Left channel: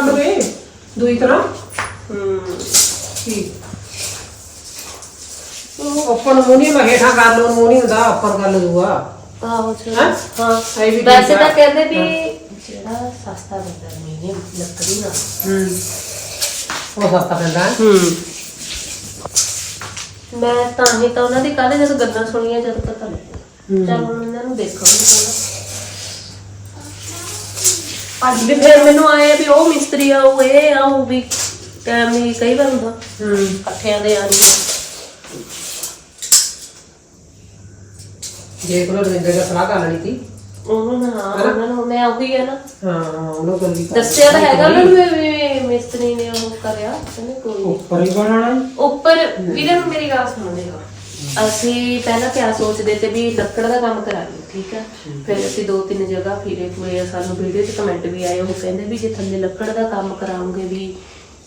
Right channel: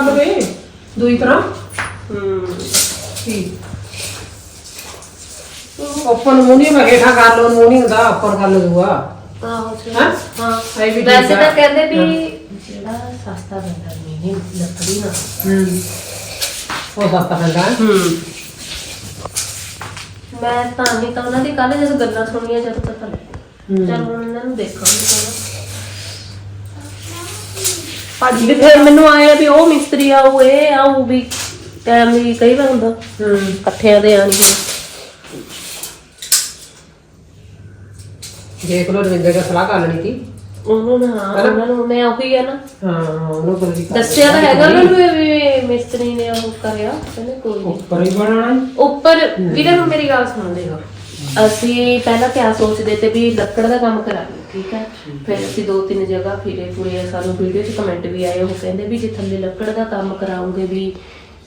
ਕਰ ਲਵੇ ਦੂਈ ਤਰ੍ਹਾਂ। ਹੂੰ। ਠੀਕ। ਉੱਪਰ ਨੂੰ ਨਹੀਂ ਕਰ ਲਓ ਮੂੰਹ ਨਹੀਂ ਹੁੰਦਾ ਉੱਪਰ ਕਰ ਦੂਆ। ਆਹੋ। ਹੈਂ? ਹਾਂ। ਇਹ ਵੀ ਵੈਸੇ ਤਾਂ ਕਹਿੰਦੇ ਵੀ ਜਿਹੜਾ ਸਸਤਾ ਬੰਦਾ ਨਹੀਂ ਲੱਕੜੀ ਨਾਲ। ਹੂੰ। ਉਹ ਸਸਤਾ ਪੈਂਦਾ ਹੈ। ਹੂੰ। ਮੈਂ ਤਾਂ ਹੀ ਤਾਂ ਉਹਨਾਂ ਦੀ ਕੱਲ ਜਦੋਂ ਗੱਲਾਂ ਸੁਣੀਆਂ ਜਦੋਂ ਪਤਾ ਲੱਗਿਆ। ਚੱਲ ਹੁਣ ਇਹਨਾਂ ਨੂੰ ਦੇਖਾਂਗੇ। ਥੋੜਾ ਅੱਜ ਵੀ ਫਿਰ ਮੈਨੂੰ ਆਇਆ ਵੀ ਉਹ ਮਿਸਤਰੀ ਆਊ ਇਹ ਆਊ ਵੀ ਟਾਈਮ ਨਹੀਂ ਕਈ ਵਾਰ ਹੁੰਦਾ ਹੂੰ। ਇਕੱਠਿਆਂ ਦੇ ਆਣਗੇ ਦੇਖ ਲਓ ਰਵਿੰਦਰ ਦਾ ਸਲਾਹ ਕਰ ਲੈਣੀ ਸੀ। ਉਹਨੂੰ ਨਾ ਉਹਨਾਂ ਨੂੰ ਮੈਂ ਉਹੀ ਆ ਨਾ। ਹਾਂ ਉਹਨੂੰ ਕੋਈ ਵੀ ਕਰ ਦੱਸਿਆ ਤਾਂ ਹੈਗਾ ਉਹਨਾਂ ਨੂੰ। ਵੀ ਵੀ ਮਿਸਤਰੀ ਨੇ ਉਹ ਕਰਿਆ ਕਹਿੰਦੇ ਕੋਈ ਨਹੀਂ ਉੱਪਰ ਹੀ ਵੀਰੇ ਮੇਰੀ ਗੱਲ ਸੁਣਦੇ ਹੋ ਅਸੀਂ ਪਹਿਲਾਂ ਕਿਆ ਸੋਚਦੇ ਤੇ ਵੀ ਲੱਕੜ ਦਾ ਕੰਮ ਕਰਾ ਲਈਏ ਠੀਕ ਹੈ ਫਿਰ ਅਸੀਂ ਦੋ ਤਿੰਨ ਜਗ੍ਹਾ ਫਿਰੇ ਪੂਰੇ ਸਾਨੂੰ ਵੀਡੀਓ 'ਚ ਕਮੈਂਟ ਵੀ ਆਏ ਉਹ ਕਹਿੰਦੇ ਵੀ ਜੇ ਥੱਲੇ ਲੱਕੜ ਦਾ ਕੰਮ ਕਰਾਉਂਗੇ ਵੀ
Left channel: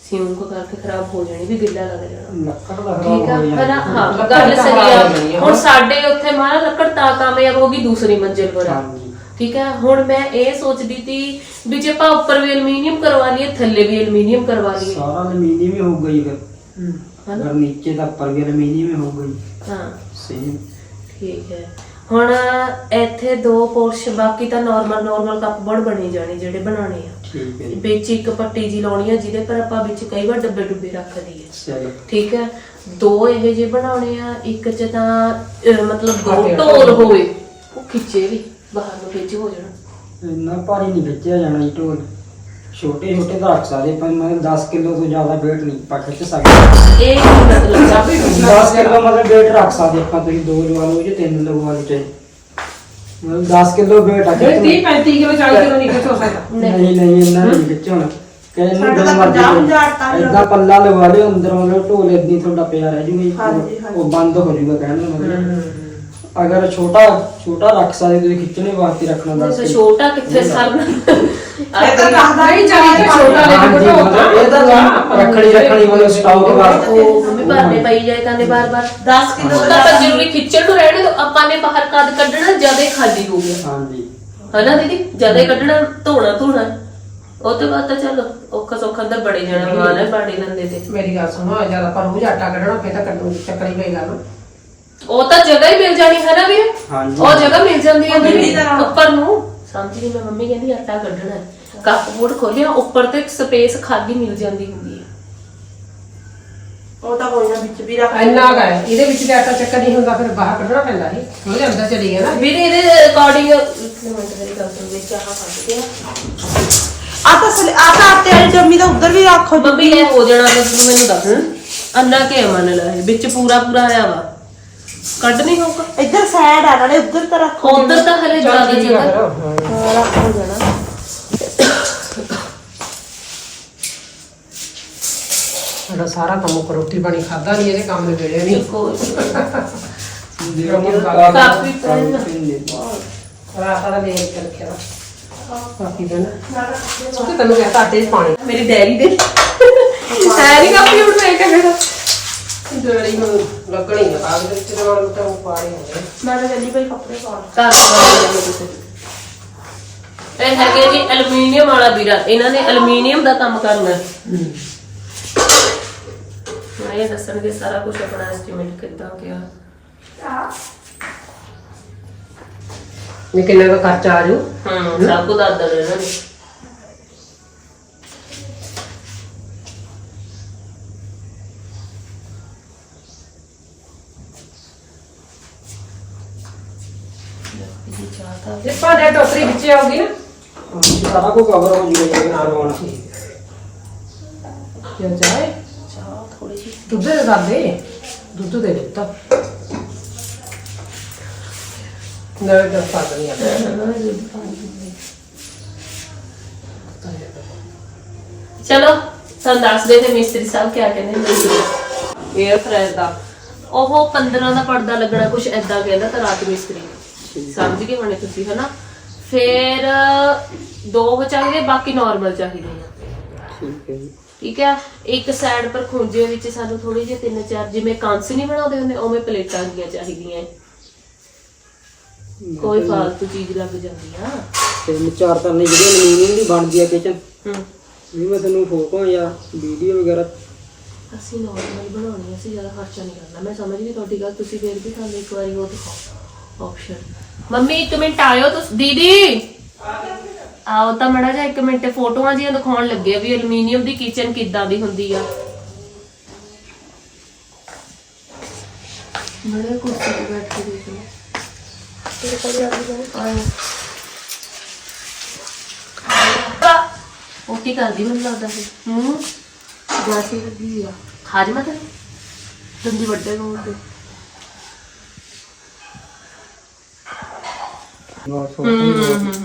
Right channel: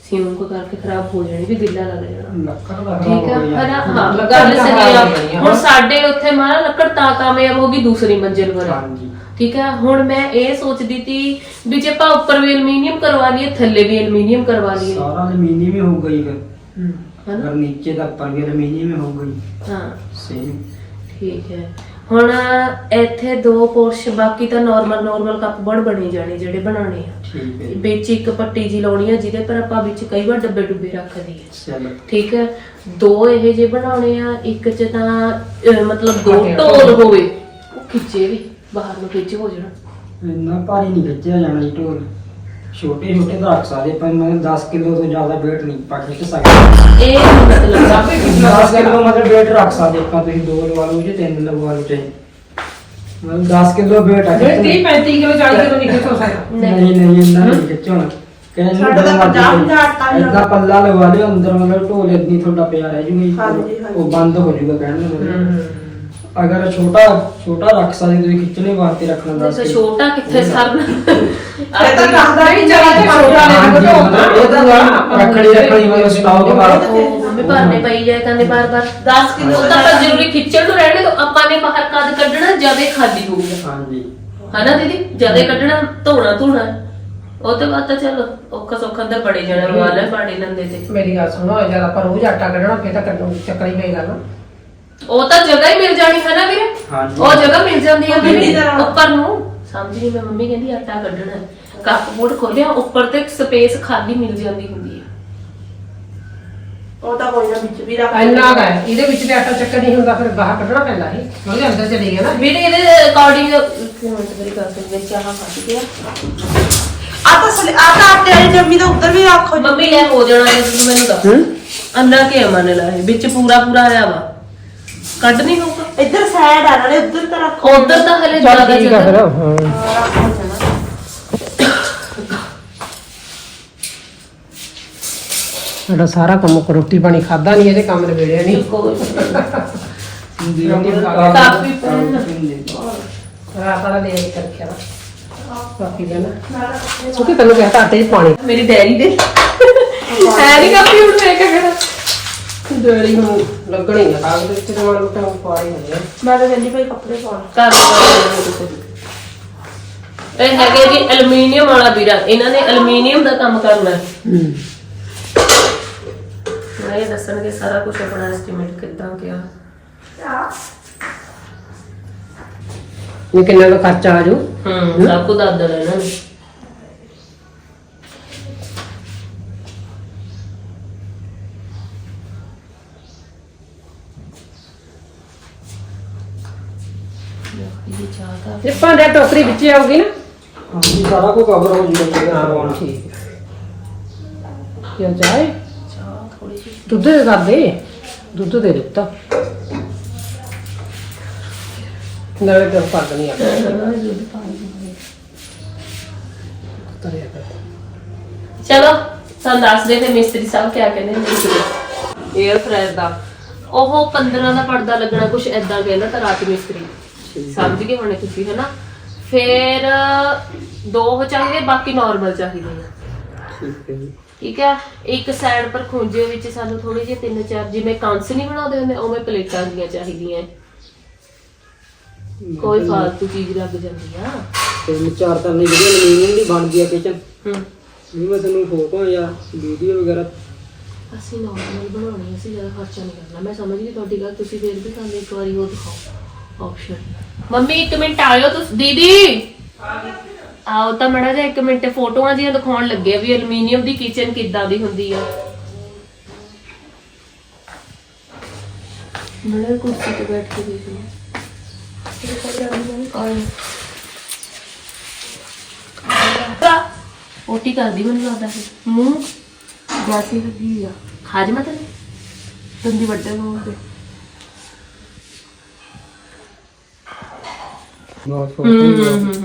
ਸਿਉਂਕ ਕਰਕੇ ਖਰਾਬ ਹੋ ਜਾਣੀ ਵੀ ਗਿੱਲਾ ਲੱਗ ਜਾਣਾ। ਲੱਕੜ ਦਾ ਠੀਕ ਆ? ਖਰਾਬ ਹੋ ਗੱਲ ਤਾਂ ਸਹੀ ਆ। ਹੁਣ ਸਾਡੇ ਉੱਥੇ ਮਾਰਾ ਲੱਕੜ ਤਾਂ ਕਾਮਯਾਬ ਹੋ ਗਈ ਦੂਸਰੀ ਮੰਜ਼ਿਲ ਪਰ। ਠੀਕ ਹੈ ਹੁਣ ਮੈਂ ਇਹ ਸੋਚਦੀ ਤੀ ਵੀ ਜੇ ਆਪਾਂ ਉੱਪਰ ਵੀ ਐਲੂਮੀਨੀਅਮ ਕਰਵਾ ਲਈਏ ਥੱਲੇ ਵੀ ਐਲੂਮੀਨੀਅਮ ਕਰਵਾ ਲਈਏ। ਸਾਰਾ ਅਲਮੀਨੀਅਮ ਹੀ ਹੋਊਗਾ ਜੀ ਫਿਰ। ਅਗਰ ਨੀਚੇ ਦਾ ਉੱਪਰ ਵੀ ਅਲਮੀਨੀਅਮ ਹੀ ਹੋਊਗਾ। ਜੀ ਹਾਂ। ਸੇਮ ਠੀਕ ਹੈ। ਹੁਣ ਇੱਥੇ ਦੋ ਪੋਰਸ਼ ਬਾਕੀ ਤਾਂ ਨਾਰਮਲ ਨਾਰਮਲ ਕੱਪ ਬਣ ਬਣੀ ਜਾਣੇ ਜਿਹੜੇ ਬਣਾਉਣੇ ਆ। ਠੀਕ ਹੈ। ਜੀ ਵਿੱਚ ਇੱਕ ਪੱਟੀ ਜੀ ਲਾਉਣੀ ਆ ਜਿਹਦੇ ਪਰ ਆਪਾਂ ਵਿੱਚ ਕਈ ਵਾਰ ਡੱਬੇ ਡੁੱਬੇ ਰੱਖ ਦਈਏ। ਚਲੋ। ਠੀਕ ਹੈ। ਦੋ ਇਹ ਜੇ ਬਣਾਉਣੇ ਆ ਇੱਕ ਚ ਤਾਂ ਅਹ, ਮਤਲਬ ਦੋ ਢੋਲ ਹੋਵੇ। ਉਹ ਖਿੱਚੇ ਵੀ ਬਾਹਰ ਨੂੰ ਖਿੱਚ ਹੋ ਜਾਣਾ। ਇੰਨਾ ਭਾਰੀ ਨਹੀਂ ਖਿੱਚਿਆ ਜਾਣਾ ਜੀ ਢੋਲ। ਛੋਟੇ ਛੋਟੇ ਤਾਂ ਰੱਖ ਸਕਦੇ ਪਰ ਮੈਂ 10 ਕਿਲੋ ਤੋਂ ਜ਼ਿਆਦਾ weight ਨਹੀਂ ਪਾ ਖਿੱਚ ਸਕਦੇ। ਇਹ ਨੀ ਮਤਲਬ ਕਾਫੀ ਪਿਛਲਾ 10 ਕਿਲੋ ਮਤਲਬ weight ਰੱਖ ਸਕਦੇ ਆਪਾਂ ਤੁਸੀਂ ਦੋ ਲਵਾ ਲਓ ਜਾਂ ਤਿੰਨ ਲਵਾ ਲਓ ਚਾਹੇ ਮਤਲਬ 10 ਕਿਲੋ weight ਆ ਫਿਰ 30 ਖਿੱਚਣਾ। 35 ਕਿਲੋ 40 ਕਿਲੋ ਨਹੀਂ ਖਿੱਚੋ ਸਕਦਾ। ਨਹੀਂ ਨਹੀਂ ਇੰਨਾ ਨਹੀਂ ਖਿੱਚਣਾ। ਕਹਿੰਦੇ ਹਜ਼ਾਰ ਟਨ ਇਦਾਂ ਪੱਲਾ ਲਵਾ ਲਿਓ ਅੰਦਰ ਮਤਲਬ ਢੋਲ ਇਦਾਂ ਤੁਹਾਡਾ ਪਿਆ ਰਹਿ ਜੂਗਾ ਉਹ ਬੰਦ ਹੋ ਜੂਗਾ ਕਹਿਣ ਦਾ ਮਤਲਬ। ਅਗਰ ਛੋਟਾ ਛੋਟਾ ਰੱਖ ਸਕਦੇ ਤੁਸੀਂ ਖਿੱਚਣੇ ਵਾਸਤੇ ਰੱਖਣਾ ਨਹੀਂ ਦੱਸ ਤਾਂ ਛੋਟਾ ਕਿੱਥੇ ਸਰਨਾ ਇਹ ਤਾਂ ਦੱਸਦਾ ਨਹੀਂ ਚੱਲ ਤੇ ਛੋਟਾ ਲੈ ਕੇ ਮਤਲਬ ਇਹ ਤਾਂ ਨਾ ਰੱਖਣੀ ਰੱਖਣੀ ਮਤਲਬ ਸਟਾਕ ਬਾਅਦ। ਉਹ ਮੰਮੀ ਭਰਨੇ ਪਈ ਜਾਏ ਤਾਂ ਨੇ ਬਾਰ ਬਾਰ। 10 ਕਿਲੋ ਤਾਂ ਜ਼ਰੂਰੀ ਖਿੱਚਣ ਨੂੰ ਰਹਿਣੇ ਤੋਂ ਆਪਾਂ ਨੇ ਬਾਹਰ ਕਦ ਕੱਢਣਾ ਜਦੇ ਖਾਲੀ ਹੋ ਗਿਆ। ਹਾਂਜੀ। ਹਨਾ ਦੀਦੀ? ਜਦੇ ਕੱਢਣਾ ਧੋਣਾ ਧੋਣਾ। ਉਹ ਤੋਂ ਬਾਅਦ ਤਾਂ ਚਲੋ ਔਖਾ ਸੌਖਾ ਅੰਦਰ ਬੜੇ ਜਾਣਾ ਮਾਲ ਹੈ ਬਾੜੇ ਨੰਦੇ ਤੇ। ਮੇਰੀ ਗੱਲ ਸੁਣੋ ਜਦ ਆਪਾਂ ਰੋਜ਼ ਆਟਾ ਕੱਢਣਾ ਫੇਰ ਤਾਂ ਕੱਢੋ ਚੱਕਣੀ ਪਈ ਗੱਲ ਉਹ ਤਾਂ ਜਗ੍ਹਾ ਹੀ ਮਿਲ ਜਾਣੀ ਹੈ ਨਾ ਵੀਰੇ? ਹਾਂਜੀ। ਉਹ ਜਗ੍ਹਾ ਮਿਲ ਜਾਂਦੀ ਹੈ ਮੰਮੀ ਵੀਰੇ। ਉੱਪਰ ਨੂੰ। ਸਮਝ ਨਹੀਂ ਮੈਂ ਮੰਮੀ ਕਹਿੰਦੀ ਆਟਾ ਕੱਢਣਾ ਹੈ। ਕੱਪ ਬੋਰਡ ਖੋਲਿਆ ਉੱਪਰ ਤੇ ਸਪੇਸ ਖਾਲੀ ਮਿਲ ਜਾਂਦੀ ਹੁੰਦੀ ਹੈ ਉਹ ਤਾਂ ਕੋਈ ਨਾ ਵਿੱਚ ਵੀ ਰੱਖ ਇੰਨਾ ਕੁ ਹੈ। ਇਹਦੇ ਵਿੱਚ ਤੇ ਆਟਾ ਚੱਕਰ ਨਹੀਂ ਹੁੰਦਾ ਫਿਰ ਬਾਹਰ ਕੱਢਣਾ ਪੈਂਦਾ ਇਹ ਉਹਦੇ ਅੰਦਰ ਚਲੀ ਗਿਆ ਨਾ। ਵੀਰੇ ਇਹਦੇ ਅਕੋਰਡਿੰਗ ਮੇਰੀ ਗੱਲ ਸੁਣ ਦੇਖ ਕਿਆ ਖਾਂਦੀ ਹੈ ਆ ਤਾਂ ਸਲੀ- ਆ ਤਾਂ ਆਟੇ ਵਾਲੀ ਜੰਮੀ ਦਾ ਉੱਧਰ ਵੀ ਰੱਖੋ ਮੰਮੀ ਇਹ ਹੋ ਜਾਣਾ ਤੁਸੀਂ ਮੈਨੂੰ ਦੱਸ। ਅੰਨਾ ਕੇ ਮੰਨ ਲਾ ਇਹ? ਵਿੱਚ ਪੂਰਾ ਪੂਰਾ ਆਇਆ ਵਾ। ਕੱਢ ਨਹੀਂ ਹੋਊਗਾ। ਇੱਧਰ ਸਾਈਡ ਆ ਨਾਲੇ ਉੱਧਰ ਤਾਂ ਰੱਖੋ। ਉਧਰ ਤਾਂ ਹਲੇ ਜ਼ਿਆਦਾ ਜਗ੍ਹਾ ਜਿਹੜਾ ਸਾਰਾ ਕੰਮ ਉੱਪਰ ਰੋਟੀ ਪਾਣੀ ਖਾਦਾ ਨਹੀਂ ਇਹਦੇ ਕੰਮ ਨਿਬੇੜਿਆ ਨਹੀਂ। ਕਾਫੀ ਪੈਨ। ਰਾਤ ਵਾਲਾ ਲੈ ਕੇ ਰੱਖਿਆ। ਵਾ ਕਾਫੀ ਦਿਨ ਸੁੱਕੀ ਤੈਨੂੰ ਕਹਿੰਦਾ ਆਟੇ 'ਚ ਪਾਣੀ। ਮੇਰੀ ਡੈਰੀ ਦੇ। ਹੈ ਨਹੀਂ ਕਾਫੀ ਹੁਣ ਮੈਂ ਕਿਆ ਕਰਾਂ ਡੇਲੀ ਨੂੰ ਲੱਗਣੀ ਆ। ਕਾਗਜ਼ ਦੇ ਵਿੱਚ ਨਾਲ ਤਾਂ ਪਾਣੀ ਹੋ ਜਾਏ ਮੈਂ ਤਾਂ ਜल्दी ਪਈ ਕੱਪੜੇ ਪਾਉਣ ਚਾਰ ਇਹ ਹੈਗੇ ਜੀ ਐਲੂਮੀਨੀਅਮ ਵਾਲਾ ਵੀਰਾ। ਇਹਨਾਂ ਨੇ ਐਲੂਮੀਨੀਅਮ ਦਾ ਕੰਮ ਕਰਨਾ ਹੈ। ਮੈਂ ਇਹ ਦੱਸਣਗੇ ਸਾਰਾ ਕੁਝ ਆਪਣਾ ਐਸਟੀਮੇਟ ਕਿੱਦਾਂ ਕਿਹਾ ਇਹ ਕਿੰਨਾ ਕੁ ਖਰਚਾ ਆ ਜਾਊ? ਹੂੰ ਸਭ ਕੁਝ ਦੱਸ ਦੇਣਾ ਇਹਨਾਂ ਨੇ। ਇਹ ਟੋਕਰੀ ਵਿੱਚ ਆਉਗੀ ਨਾ ਹਾਂਜੀ ਸਾਰਾ ਕੁਝ ਕਵਰ ਹੋ ਜੂਗਾ ਜੀ ਕਰਵਾਉਣ ਠੀਕ ਕੀ ਚਾਹੇ ਚਾਹ ਥੋੜੀ ਜਿਹੀ ਦੁੱਧ ਦੇ ਕਰ ਦੇ ਦੁੱਧ ਦੇ ਦਿੱਤਾ। ਨਾ ਇਹ ਕਰ ਦਣੀ ਆ ਚਲੋ ਤੁਹਾਨੂੰ ਦੱਸਦੇ ਤੇ ਮਿਸਤਰੀ ਸਾਹਿਬ ਕਿਆ ਕਹਿੰਦੇ ਨੇ। 에ਅਰ ਫਰਾਇਰ ਦਾ। ਉਹ 15 ਦਾ ਪਰਦਾ ਲੱਗਣਾ ਕੁਝ ਐਦਾਂ ਕਹਿੰਦਾ ਤਾਂ ਰਾਤ ਮਿਸਤਰੀ। ਸਮਝ ਗਏ ਹੋਣੇ ਤੁਸੀਂ ਹਨਾ? ਫਿਰ ਦੋ ਚਾਹੀਦੇ ਬਾਕੀ ਨਾਰਮਲ ਚਾਹੀਦੇ ਆ ਠੀਕ ਹੈ ਜੀ। ਠੀਕ ਹੈ? ਇੱਕ ਸਾਈਡ ਪਰ ਖੁੰਝੇ ਵਿੱਚ ਸਾਨੂੰ ਥੋੜੀ ਜਿਹੀ ਤਿੰਨ ਚਾਰ ਜਿਵੇਂ ਕਾਂਸ ਨਹੀਂ ਬਣਾਉਂਦੇ ਹੁੰਦੇ ਉਵੇਂ ਪਲੇਟਾਂ ਦੀਆਂ ਚਾਹੀਦੀਆਂ। ਹੈ। ਕੋਈ ਫਾਲਤੂ ਚੀਜ਼ ਲੱਗ ਜਾਂਦੀ ਆ। ਤਿੰਨ ਚਾਰ ਤਾਂ ਨਹੀਂ ਜਿਹੜੀ ਅਲਮੀਨੀਅਮ ਦੀ ਬਣਦੀ ਆ ਕਿਚਨ ਹੂੰ। ਵੀ ਮੈਂ ਤੁਹਾਨੂੰ ਫੋਟੋ ਜਾਂ ਵੀਡੀਓ ਵਗੈਰਾ। ਅਸੀਂ ਨਾਰਮਲ ਬਣਾਉਣੀ ਅਸੀਂ ਜ਼ਿਆਦਾ ਖਰਚਾ ਨਹੀਂ ਕਰਨਾ। ਮੈਂ ਸਮਝ ਗਈ ਤੁਹਾਡੀ ਗੱਲ ਤੁਸੀਂ ਫੇਰ ਵੀ ਸਾਨੂੰ ਇੱਕ ਵਾਰੀ ਉਹ ਦਿਖਾਓ ਆਪਸ਼ਨ ਮੰਮੀ, ਇੱਕ ਮਿੰਟ ਆਇਓ ਤੁਸੀਂ, ਦੀਦੀ। ਆਓ ਤਾਂ ਮੜਾ ਜਾ ਇੱਕ ਮਿੰਟ, ਫੋਟੋਆਂ ਜੀਆਂ ਦਿਖਾਉਣ ਲੱਗੇ ਵੀ ਐਲੂਮੀਨੀਅਮ ਦੀ ਕਿਚਨ ਕਿੱਦਾਂ ਦੀ ਹੁੰਦੀ ਆ। ਮੇਰੇ ਕੁਰਸੀ ਤੇ ਬੈਠ ਕੇ ਦੇਖ ਲਓ। ਆਇਓ। ਪੋਟੀ ਕਰਦੀ ਮੈਨੂੰ ਲੱਗਦਾ ਹੈ ਮੂੰਹ ਗਾਸੀ ਲੱਗੀ ਆ। ਖਾਜ ਮਤ ਦੰਦੀ ਵੱਡੇ ਬੋਲ ਦੇ ਬਹੁਤ ਫੋਟੋ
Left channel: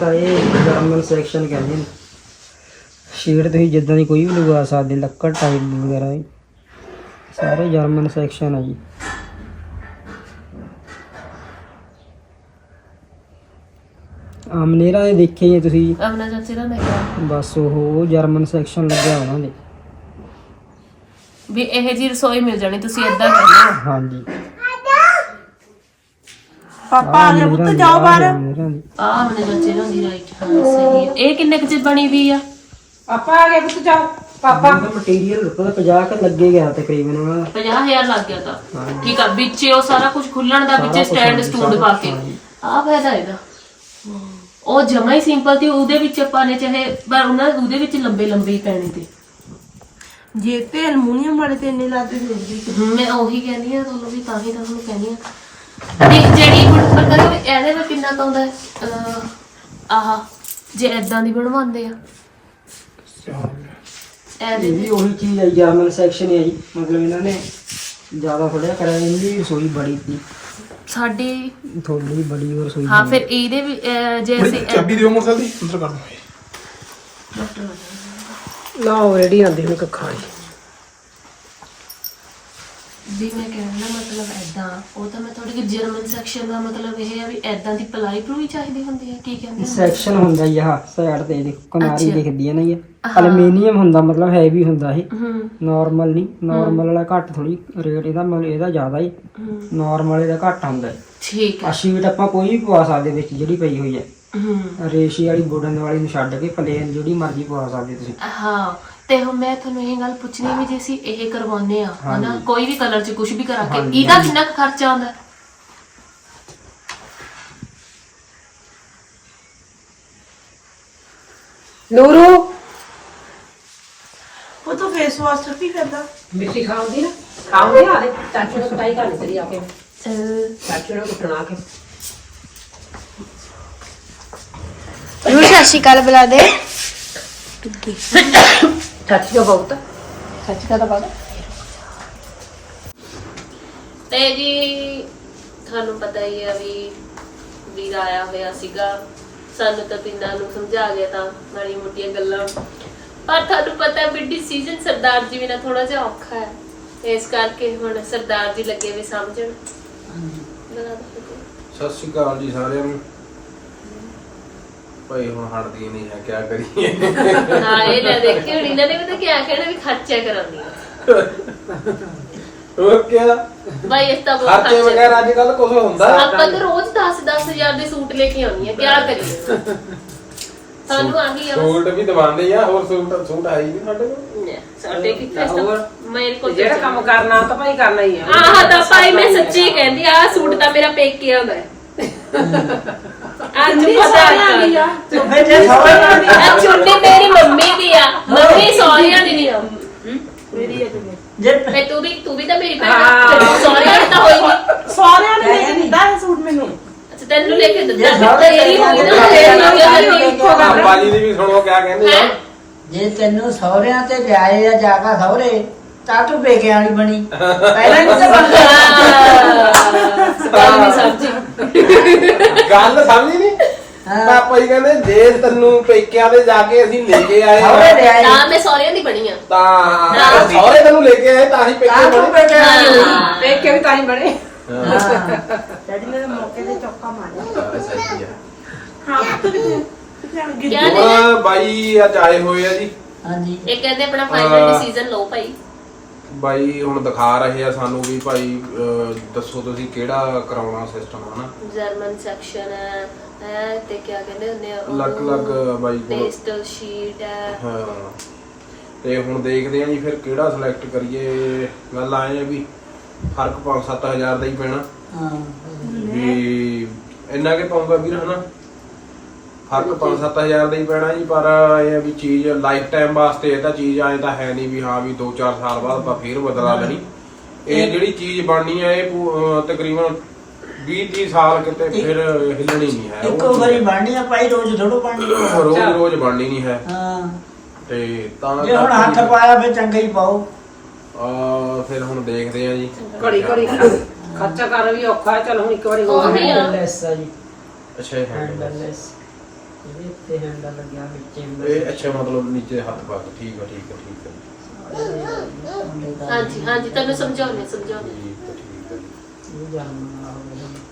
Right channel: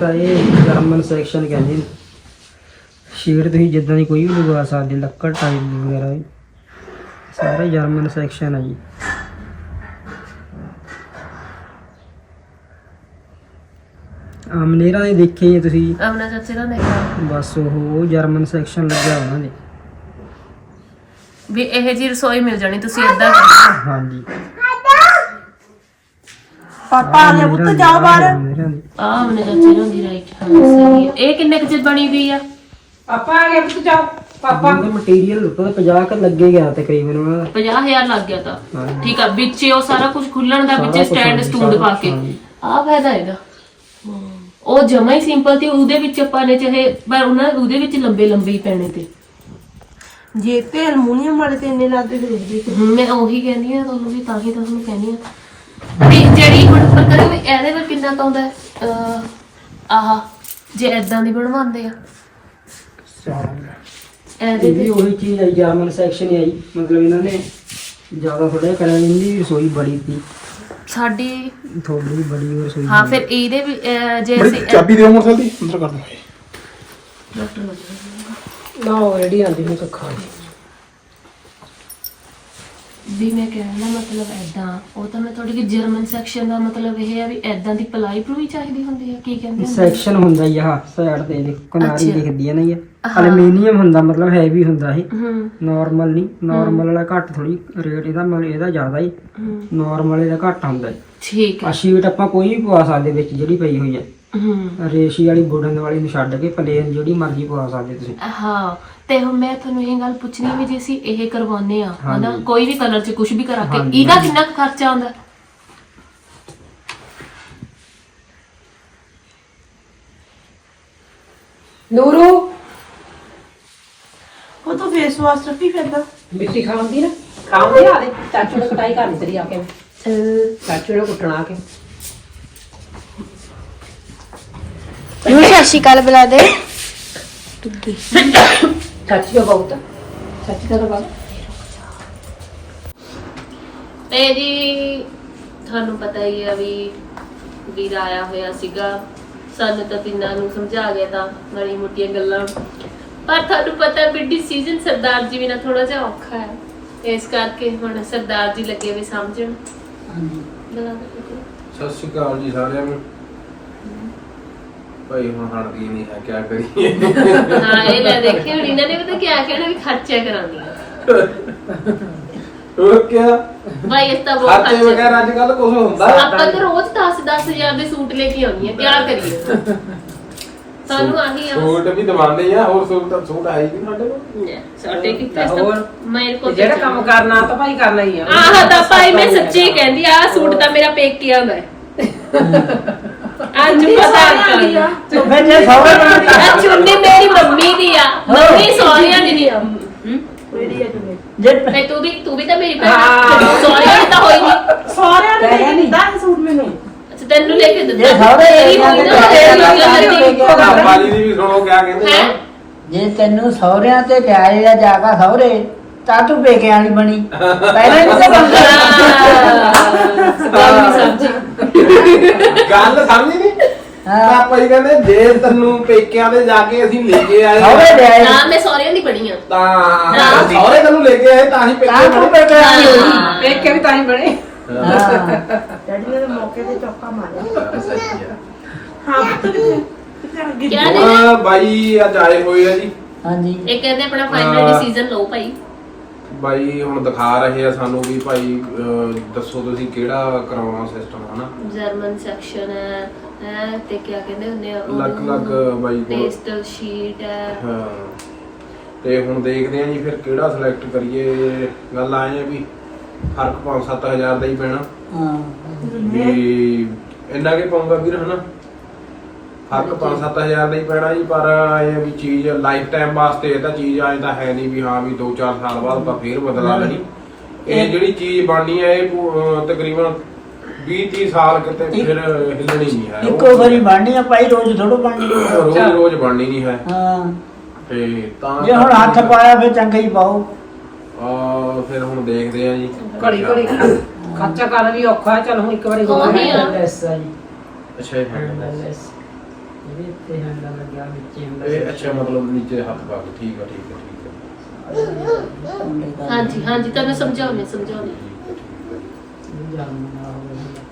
ਤਾਂ ਇਹ ਜਰਮਨ ਸੈਕਸ਼ਨ ਕਹਿੰਦੇ ਨੇ। ਸ਼ੀਟ ਤੁਸੀਂ ਜਿੱਦਾਂ ਦੀ ਕੋਈ ਵੀ ਲਗਵਾ ਸਕਦੇ ਲੱਕੜ ਟਾਈਪ ਦੀ ਵਗੈਰਾ ਵੀ। ਸਾਰੇ ਜਰਮਨ ਸੈਕਸ਼ਨ ਆ ਜੀ। ਆਮਨੇਰਾ ਦੇ ਦੇਖੇ ਹੀ ਆ ਤੁਸੀਂ। ਆਪਣਾ ਚਾਚੇ ਦਾ ਦੇਖਿਆ। ਬਸ ਉਹ ਜਰਮਨ ਸੈਕਸ਼ਨ ਲੱਗਿਆ ਉਹਨਾਂ ਦੇ। ਵੀ ਇਹ ਜੀ ਰਸੋਈ ਮਿਲ ਜਾਣੀ ਤੁਸੀਂ ਏਦਾਂ ਕਰਨਾ। ਹਾਂਜੀ। ਪਾਪਾ ਆ ਗਿਆ ਪੁੱਤ ਜਾਓ ਬਾਹਰ। ਆ ਆਪਣੇ ਚਾਚੇ ਨੂੰ ਦੀ ਰਾਈਟ ਹਾਂ ਸਹੀ ਹੈ ਇਹ ਕਿੰਨੇ ਕੁ ਚ ਬਣੀ ਵੀ ਆ? ਪਾਪਾ ਆ ਗਿਆ ਪੁੱਤ ਜਾਓ। ਪਾਪਾ। ਮਟੀਰੀਅਲ ਲੁਕੋ 50 ਕ ਲੱਗੇ ਗਿਆ ਤਕਰੀਬਨ ਉਹਨਾਂ ਦਾ 50000 ਲੱਗ ਗਿਆ ਤਾਂ। ਠੀਕ ਆ ਵਿੱਚ ਉਹ ਸਾਰਾ ਕੁਝ ਖੁੱਲਣ ਦਾ ਵਿੱਚ ਸਟੈਂਡ ਸਟੂਡ ਪਾ ਕੇ। ਆ ਫਾਇਦਾ ਇਹਦਾ। ਉਹ ਜਮਾ ਹੀ ਸਿੰਪਲ ਸੀ ਉਹਦੇ ਵਿੱਚ ਆਪਾਂ ਨੇ ਚਾਹੇ ਪਰ ਉਹਨਾਂ ਉਹਦੇ ਵਿੱਚ ਲੰਬੇ ਲੰਬੇ ਹੀ ਪੈਣੇ ਤੇ। ਜੇ ਤੇ ਅਲਮੂਨੀਅਮ ਵਾਲੇ ਤੇ ਇੰਨੇ ਲੱਗਦੇ ਤੇ ਰੁਕਦੀ ਮੈਂ ਉਹੀ ਕਹਿੰਦੀ ਆ ਤੁਹਾਨੂੰ ਵੀ ਤਾਂ ਹੀ ਤਾਂ ਤੁਹਾਨੂੰ ਕਹਿੰਦੀ ਆ ਤੇ ਜਿਹੜੀ ਹੁਣ ਪਤਾ ਨਹੀਂ ਇਹਦੇ ਵਿੱਚ ਕਿੰਨਾ ਕੁ ਆਉਂਦਾ? ਹੈ? ਅਹ, ਆਹ ਜੇ ਐਦਾਂ ਦੀ ਬਣਵਾਉਂਦੇ ਆ। ਇਹਦੇ ਇਹ ਵੀ ਉਹੀ ਚੀਜ਼ ਹੈ ਜਰਮਨ ਸੈਕਸ਼ਨ ਹੈ ਜੀ ਮਤਲਬ ਇਹਨਾਂ ਨੇ ਜ਼ਿਆਦਾ ਥੋੜਾ ਕਰਿਆ ਇਹਦੀ ਰਸੋਈ ਬੜੀ ਸੀ। ਸਾਡੀ ਥੋੜੀ ਬੜੀ ਹੋਰ ਰਸੋਈ ਹਾਂ ਫਿਰ ਇਹਦੇ ਵੀ ਅਹ, ਜੇ ਅਸੀਂ ਚਾਬੀ ਦਿਓ ਮੋਟਰ ਦੀ ਅੰਦਰ ਕਰ ਦੂੰ ਨਾ ਉਹ ਰੈਡੀ ਆਂਦੀ ਹੁਣ ਕੱਖਾਂ ਵੀ ਮੈਂ ਕਹਿਣ ਦਾ ਮਤਲਬ ਐਦਾਂ ਉਹ ਤਾਂ ਮੈਂ ਥੋੜੀ ਕਿ ਜਰਮਨ ਸੈਕਸ਼ਨ ਦਾ ਮਤਲਬ ਇਹ ਹੈ ਵੀ ਐਦਾਂ ਦੀ ਪਲਾਈ ਪਲੂਈ ਚਾਹੀਦੀ ਹੁੰਦੀ ਹੈ ਕੀ ਕਹਿੰਦੇ ਹੁੰਦੇ ਆ? ਸੈਕਸ਼ਨ ਹੁੰਦਾ ਜੀ ਆਹ ਸਾਈਡ ਤੇ ਇਹਦੀ ਕਿਨਾਰੀ ਅੱਛਾ। ਦਿਖਦੀ ਹੈ ਨਾ ਇਹ ਐਲੂਮੀਨੀਅਮ ਹੁੰਦਾ ਮਤਲਬ ਹੈਵੀ ਹੁੰਦਾ ਇਹ। ਹੂੰ। ਨਾਰਮਲ ਨਹੀਂ ਨਾਰਮਲ ਵਾਲਾ ਘੱਟ ਥੋੜੀ ਰੇਟ ਇਹਦਾ ਮਤਲਬ ਇਹਦਾ ਜ਼ਿਆਦਾ ਹੀ। ਹੂੰ। ਨਾਰਮਲ ਇਹਦਾ ਘੱਟ ਹੁੰਦਾ ਹੈ। ਠੀਕ ਆ ਹੈ ਸ਼ੀਟ ਆਪਾਂ ਕੋਈ ਵੀ ਪਵਾ ਸਕਦੇ ਵਿੱਚ ਜਿਹੜੀ ਪਈ ਹੋਈ ਹੈ। ਹੂੰ। ਰੇਸ਼ੀ ਵਾਲੀ ਵੁਡਨ ਵਾਲੀ ਨੂੰ ਛੱਡ ਕੇ ਪਲੇਨ ਜਿਹੜੀ ਮਰਜ਼ੀ ਪਵਾ ਸਕਦੇ ਤੁਸੀਂ। ਹਾਂ ਤੇ ਹੁਣ ਮੈਂ ਤੁਹਾਨੂੰ ਇਹ ਗੱਲ ਪੁੱਛਣੀ ਵੀ ਜੇ ਅਸੀਂ ਇਹ ਕਰਵਾਉਂਦੇ ਆ ਹਨਾ? ਹਾਂਜੀ। ਕੋਈ ਵੀ ਕਲਰ 'ਚ ਕੁਝ ਵੀ ਕਰਾ ਕੇ ਹਾਂਜੀ। ਇਹਦਾ ਕਿੰਨਾ ਕੁ ਖਰਚਾ ਆਉਂਦਾ? ਨੂਰੂ? ਉਹ ਤਾਂ ਫੇਸ ਵਾਸ਼ ਰੱਖੀ ਫਿਰਦਾ। ਮਿੱਟੀ ਖਾਉਂਦੀ ਨਾ ਖਾਉਂਦੀ ਨਾ ਦੇ ਚਾਚੂ ਨੂੰ ਸਟਾਈ ਕਰ ਤੇਰੀ ਆ ਕੇ। ਚਾਚੂ ਨੂੰ ਕੁੱਟਣਾ ਕੇ। ਨੂੰ ਸਤਿ ਸ਼੍ਰੀ ਅਕਾਲ ਬੁਲਾ ਦੇ। ਚਾਚੀ ਦਾ ਤਾਂ ਜੀ ਤੁਹਾਨੂੰ ਪਤਾ ਹੀ ਆ ਵੀ ਵੀਰ ਆਇਆ ਹੋਇਆ ਸੀਗਾ। ਸਾਨੂੰ ਤਾਂ ਤਿੰਨਾਂ ਨੂੰ ਸਮਝਾ ਗਿਆ ਤਾਂ ਮਾੜੀ ਮੋਟੀਆਂ ਗੱਲਾਂ। ਪਰ ਤੁਹਾਨੂੰ ਪਤਾ ਵੀ ਡਿਸੀਜਨ ਸਰਦਾਰ ਜੀ ਵੀ ਨਾ ਥੋੜਾ ਜਿਹਾ ਔਖਾ ਹੈ। ਇਸ ਕਰਕੇ ਹੁਣ ਸਰਦਾਰ ਜੀ ਲੱਗੇ ਵੀ ਸਮਝਣ ਲਗਾ ਦਿਓ। ਜੀ। ਸਤਿ ਸ਼੍ਰੀ ਅਕਾਲ ਜੀ ਸਾਰਿਆਂ ਨੂੰ। ਭਾਈ ਹੁਣ ਹਟਦੀ ਨਹੀਂ ਹੈ ਕਿਆ ਕਰੀਏ? ਹਾਂ ਇਹ ਲੈ ਦੇਖੀ ਹੁਣ ਇਹਨਾਂ ਨੇ ਪਤਾ ਕਿਆ ਕਹਿਣਾ ਵੀ ਖਰਚਾ ਕਰਾਉਣੀ ਆ। ਹੋਰ ਕਿਆ? ਭਾਈ ਇਸ ਤਾਂ ਬਹੁਤ ਖਰਚਾ। ਵਗੈਰਾ ਅੱਜ ਕੱਲ ਕੁਝ ਹੁੰਦਾ? ਆਪਾਂ ਤਾਂ ਰੋਜ਼ 10 ਹਜ਼ਾਰ ਦੇ ਸੂਟ ਲੈ ਕੇ ਆਉਣੀ ਆ ਕਿਆ ਕਰੀਏ? ਸਾਨੂੰ ਆਹੀ ਆ ਬਸ। ਸੂਟ ਵੀ ਦਵਾਉਂਦੇ ਆ ਹੋਰ ਸੂਟ ਸੂਟ ਆਈ ਵੀ ਸਾਡੇ ਕੋਲ? ਲੈ, ਸਾਡੇ ਕਿੱਥੇ ਹੋਰ? ਸਭ? ਮੇਰੇ ਕੋਲ ਜਿਹੜਾ ਕੰਮ ਕਰਨਾ ਤਾਂ ਭਾਈ ਕਰਨਾ ਹੀ ਆ। ਆਹ ਤਾਂ ਭਾਈ ਮੈਂ ਸੱਚੀ ਕਹਿੰਦੀ ਆ ਸੂਟ ਤਾਂ ਮੇਰਾ ਪੇਕਿਆਂ ਦਾ ਹੈ। ਅੱਜ ਪਤਾ ਕਰ ਫਿਰ ਜੇ ਸੌਰੇ ਆ ਚੁੰਨੀ ਮੇਰੀ ਮੰਮੀ ਦੀ ਆ। ਮੰਮੀ ਸੋਹਰਿਆਂ ਦੀ। ਨਹੀਂ ਆ। ਮੈਂ ਤੂੰ ਵੀ ਤੂੰ ਵੀ ਤਾਂ ਮੇਰੀ ਭੈਣ ਆ। ਸੋਹਰਿਆਂ ਦੀ ਤਾਂ ਹੋਈ ਨਹੀਂ ਸਹੁਰਿਆਂ ਨੇ ਲੈ ਕੇ ਦਿੱਤਾ ਇਹ ਸੂਟ ਮੈਨੂੰ। ਅੱਛਾ ਤੈਨੂੰ ਲੈ ਕੇ ਦਿੱਤਾ। ਤੇਰੀ ਹੋਈ ਨਾ ਤੇਰੀ ਹੋਈ ਨਾ ਬਾਜੀ ਦੀ ਵੀ ਸੁਣੋ ਕਿਆ ਕਹਿੰਦੇ ਹੈ? ਆ ਜੇ ਤੈਨੂੰ ਸਹੁਰਿਆਂ ਤੇ ਵਿਆਹੇ ਆ ਜਾ ਕੇ ਸਹੁਰੇ ਤਾਂ ਤੂੰ ਪੇਕਿਆਂ ਵਾਲੀ ਬਣੀ। ਪਹਿਲਾਂ ਨਹੀਂ ਤਾਂ ਬਣਦਾ ਗੱਲ ਨਹੀਂ ਸਮਝੀ। ਗੱਲ ਸਮਝੀ ਨਹੀਂ ਹਾਂ। ਪਾਪਾ ਜੀ ਕਹਿੰਦੇ ਜੇ ਤੈਨੂੰ ਪੇਕਿਆਂ ਦੇ ਜਾ ਕੇ ਅਸੀਂ ਲੈ ਕੇ ਆਏ ਵਿਆਹੇ ਨਾ ਮੈਂ ਸੋਹਰਿਆਂ ਦੀ ਬਣੀ ਆ। ਤਾਂ ਸਹੁਰੇ ਤੈਨੂੰ ਲੈ ਕੇ ਆਏ ਤਾਂ ਹੀ ਤਾਂ ਪੇਕੇ ਤੂੰ ਬਣੇ। ਹਾਂ। ਵੀ ਤਾਂ ਹੀ ਬਣੇ। ਹਾਂ। ਡੈਡੀ ਨੇ ਤਾਂ ਮੌਕੇ ਤੇ ਚੌਕਾ ਮਾਰਿਆ। ਹਾਂ। ਹਾਂ ਕਿਆ ਨੇ? ਹੁਣ ਬਾਈ ਅੱਜ ਆਏ ਹੋਏ ਆ ਜੀ। ਹਾਂਜੀ। ਇਹ ਕਹਿੰਦੇ ਆਪਣਾ ਫਾਈਨਲ ਹਾਂ। ਡਿਸੀਜਨ ਲਓ ਭਾਈ। ਬਾਈ ਹੁਣ ਦਿਖਾ ਰਹੇ ਆ ਸਾਨੂੰ ਵੀ ਭਾਈ ਅਹ, ਦੱਸੋ ਤੁਸੀਂ ਕਿਹੜਾ ਕਰਾਉਣਾ ਸਿਸਟਮ ਹਨਾ ਜਰਮਨ ਸੈਕਸ਼ਨ ਹੈ ਹੈ ਤੇ ਕਿਆ ਕਹਿੰਦੇ ਹੁੰਦੇ ਆ ਲੱਗ ਲੱਗ ਬਾਈ ਕੋਲ। ਸ਼ੀਟ ਹੈ। ਹਾਂ। ਤੇ ਹੁਣ ਦੇਖਦੇ ਆ ਜੀ ਫਿਰ ਕਿਹੜਾ ਸਿਲੈਕਟ ਕਰੀਏ। ਗੱਲ ਆਏ ਆ ਵੀ ਫ਼ਰਕ 5-7000 ਦਾ ਹੀ ਪੈਣਾ। ਹਾਂ। ਵੀ ਇੰਨਾ ਕਿ ਪਾਉਂਗਾ ਵੀਰ ਹਨਾ? ਫ਼ਰਕ 5-7000 ਦਾ ਹੀ ਪੈਣਾ ਜੀ ਪਰ ਇਹ ਆ ਵੀ ਚੀਜ਼ ਲਾਈਫ ਟਾਈਮ ਵਾਸਤੇ ਇਹ ਤਾਂ ਚੀਜ਼ ਆਏ ਤਾਂ ਹੈ ਨਹੀਂ ਵੀ ਹਾਂ ਵੀ 2-4 ਸਾਲ ਬਾਅਦ ਆਪਾਂ ਫੇਰ ਬਦਲਾ ਨਹੀਂ ਇਹ ਜਿਹੜੀ ਚੀਜ਼ ਬਣਨੀ ਹੈ ਇਹ ਪੂ- ਅਹ ਤਕਰੀਬਨ 20-30 ਸਾਲ ਕਿਤੇ ਫਿਰ ਹਿੱਲਣੀ ਨਹੀਂ ਹੈ। ਇੱਕੋ ਵਾਰੀ ਬਣਨੀ ਆ ਭਾਈ ਰੋਜ਼ ਥੋੜੋ ਬਣਨੀ ਰੋਜ਼ ਰੋਜ਼ ਬਣਨੀ ਨਹੀਂ ਹੈ। ਹਾਂ। ਤੇ ਤਾਂ ਜੇ ਹੁਣ ਹੱਥ ਪਾਇਆ ਫਿਰ ਚੰਗਾ ਹੀ ਪਾਓ। ਆ ਫਿਰ ਹੁਣ ਦੇਖਦੇ ਆ ਜੀ। ਘੜੀ ਘੜੀ ਖਰਚਾ ਕਰ ਵੀ ਔਖਾ ਹੈ। ਚਲ ਹੁਣ ਇੱਕ ਵਾਰੀ ਹੋ ਉਹੀ ਗਿਆ ਆ। ਹੈਂਡਲੈਸ ਆ ਜੀ। ਅੱਛਾ। ਹੈਂਡਲੈਸ ਇਹ ਤੇ ਹੈਂਡਲ ਲੱਗਿਆ ਵਿੱਚ ਇਹ ਅੱਛਾ ਮਤਲਬ ਨੀਚੇ ਹੱਥ ਪਾ ਕੇ ਠੀਕ ਆ ਠੀਕ ਆ ਠੀਕ ਆ। ਹਾਂਜੀ ਹਾਂਜੀ ਤੁਹਾਨੂੰ ਸਮਝਾਉਣੇ ਸਮਝਾਉਣੇ ਠੀਕ ਆ ਠੀਕ ਆ। ਜਰਮਨ ਵਾਲਾ ਹੋ ਗਿਆ।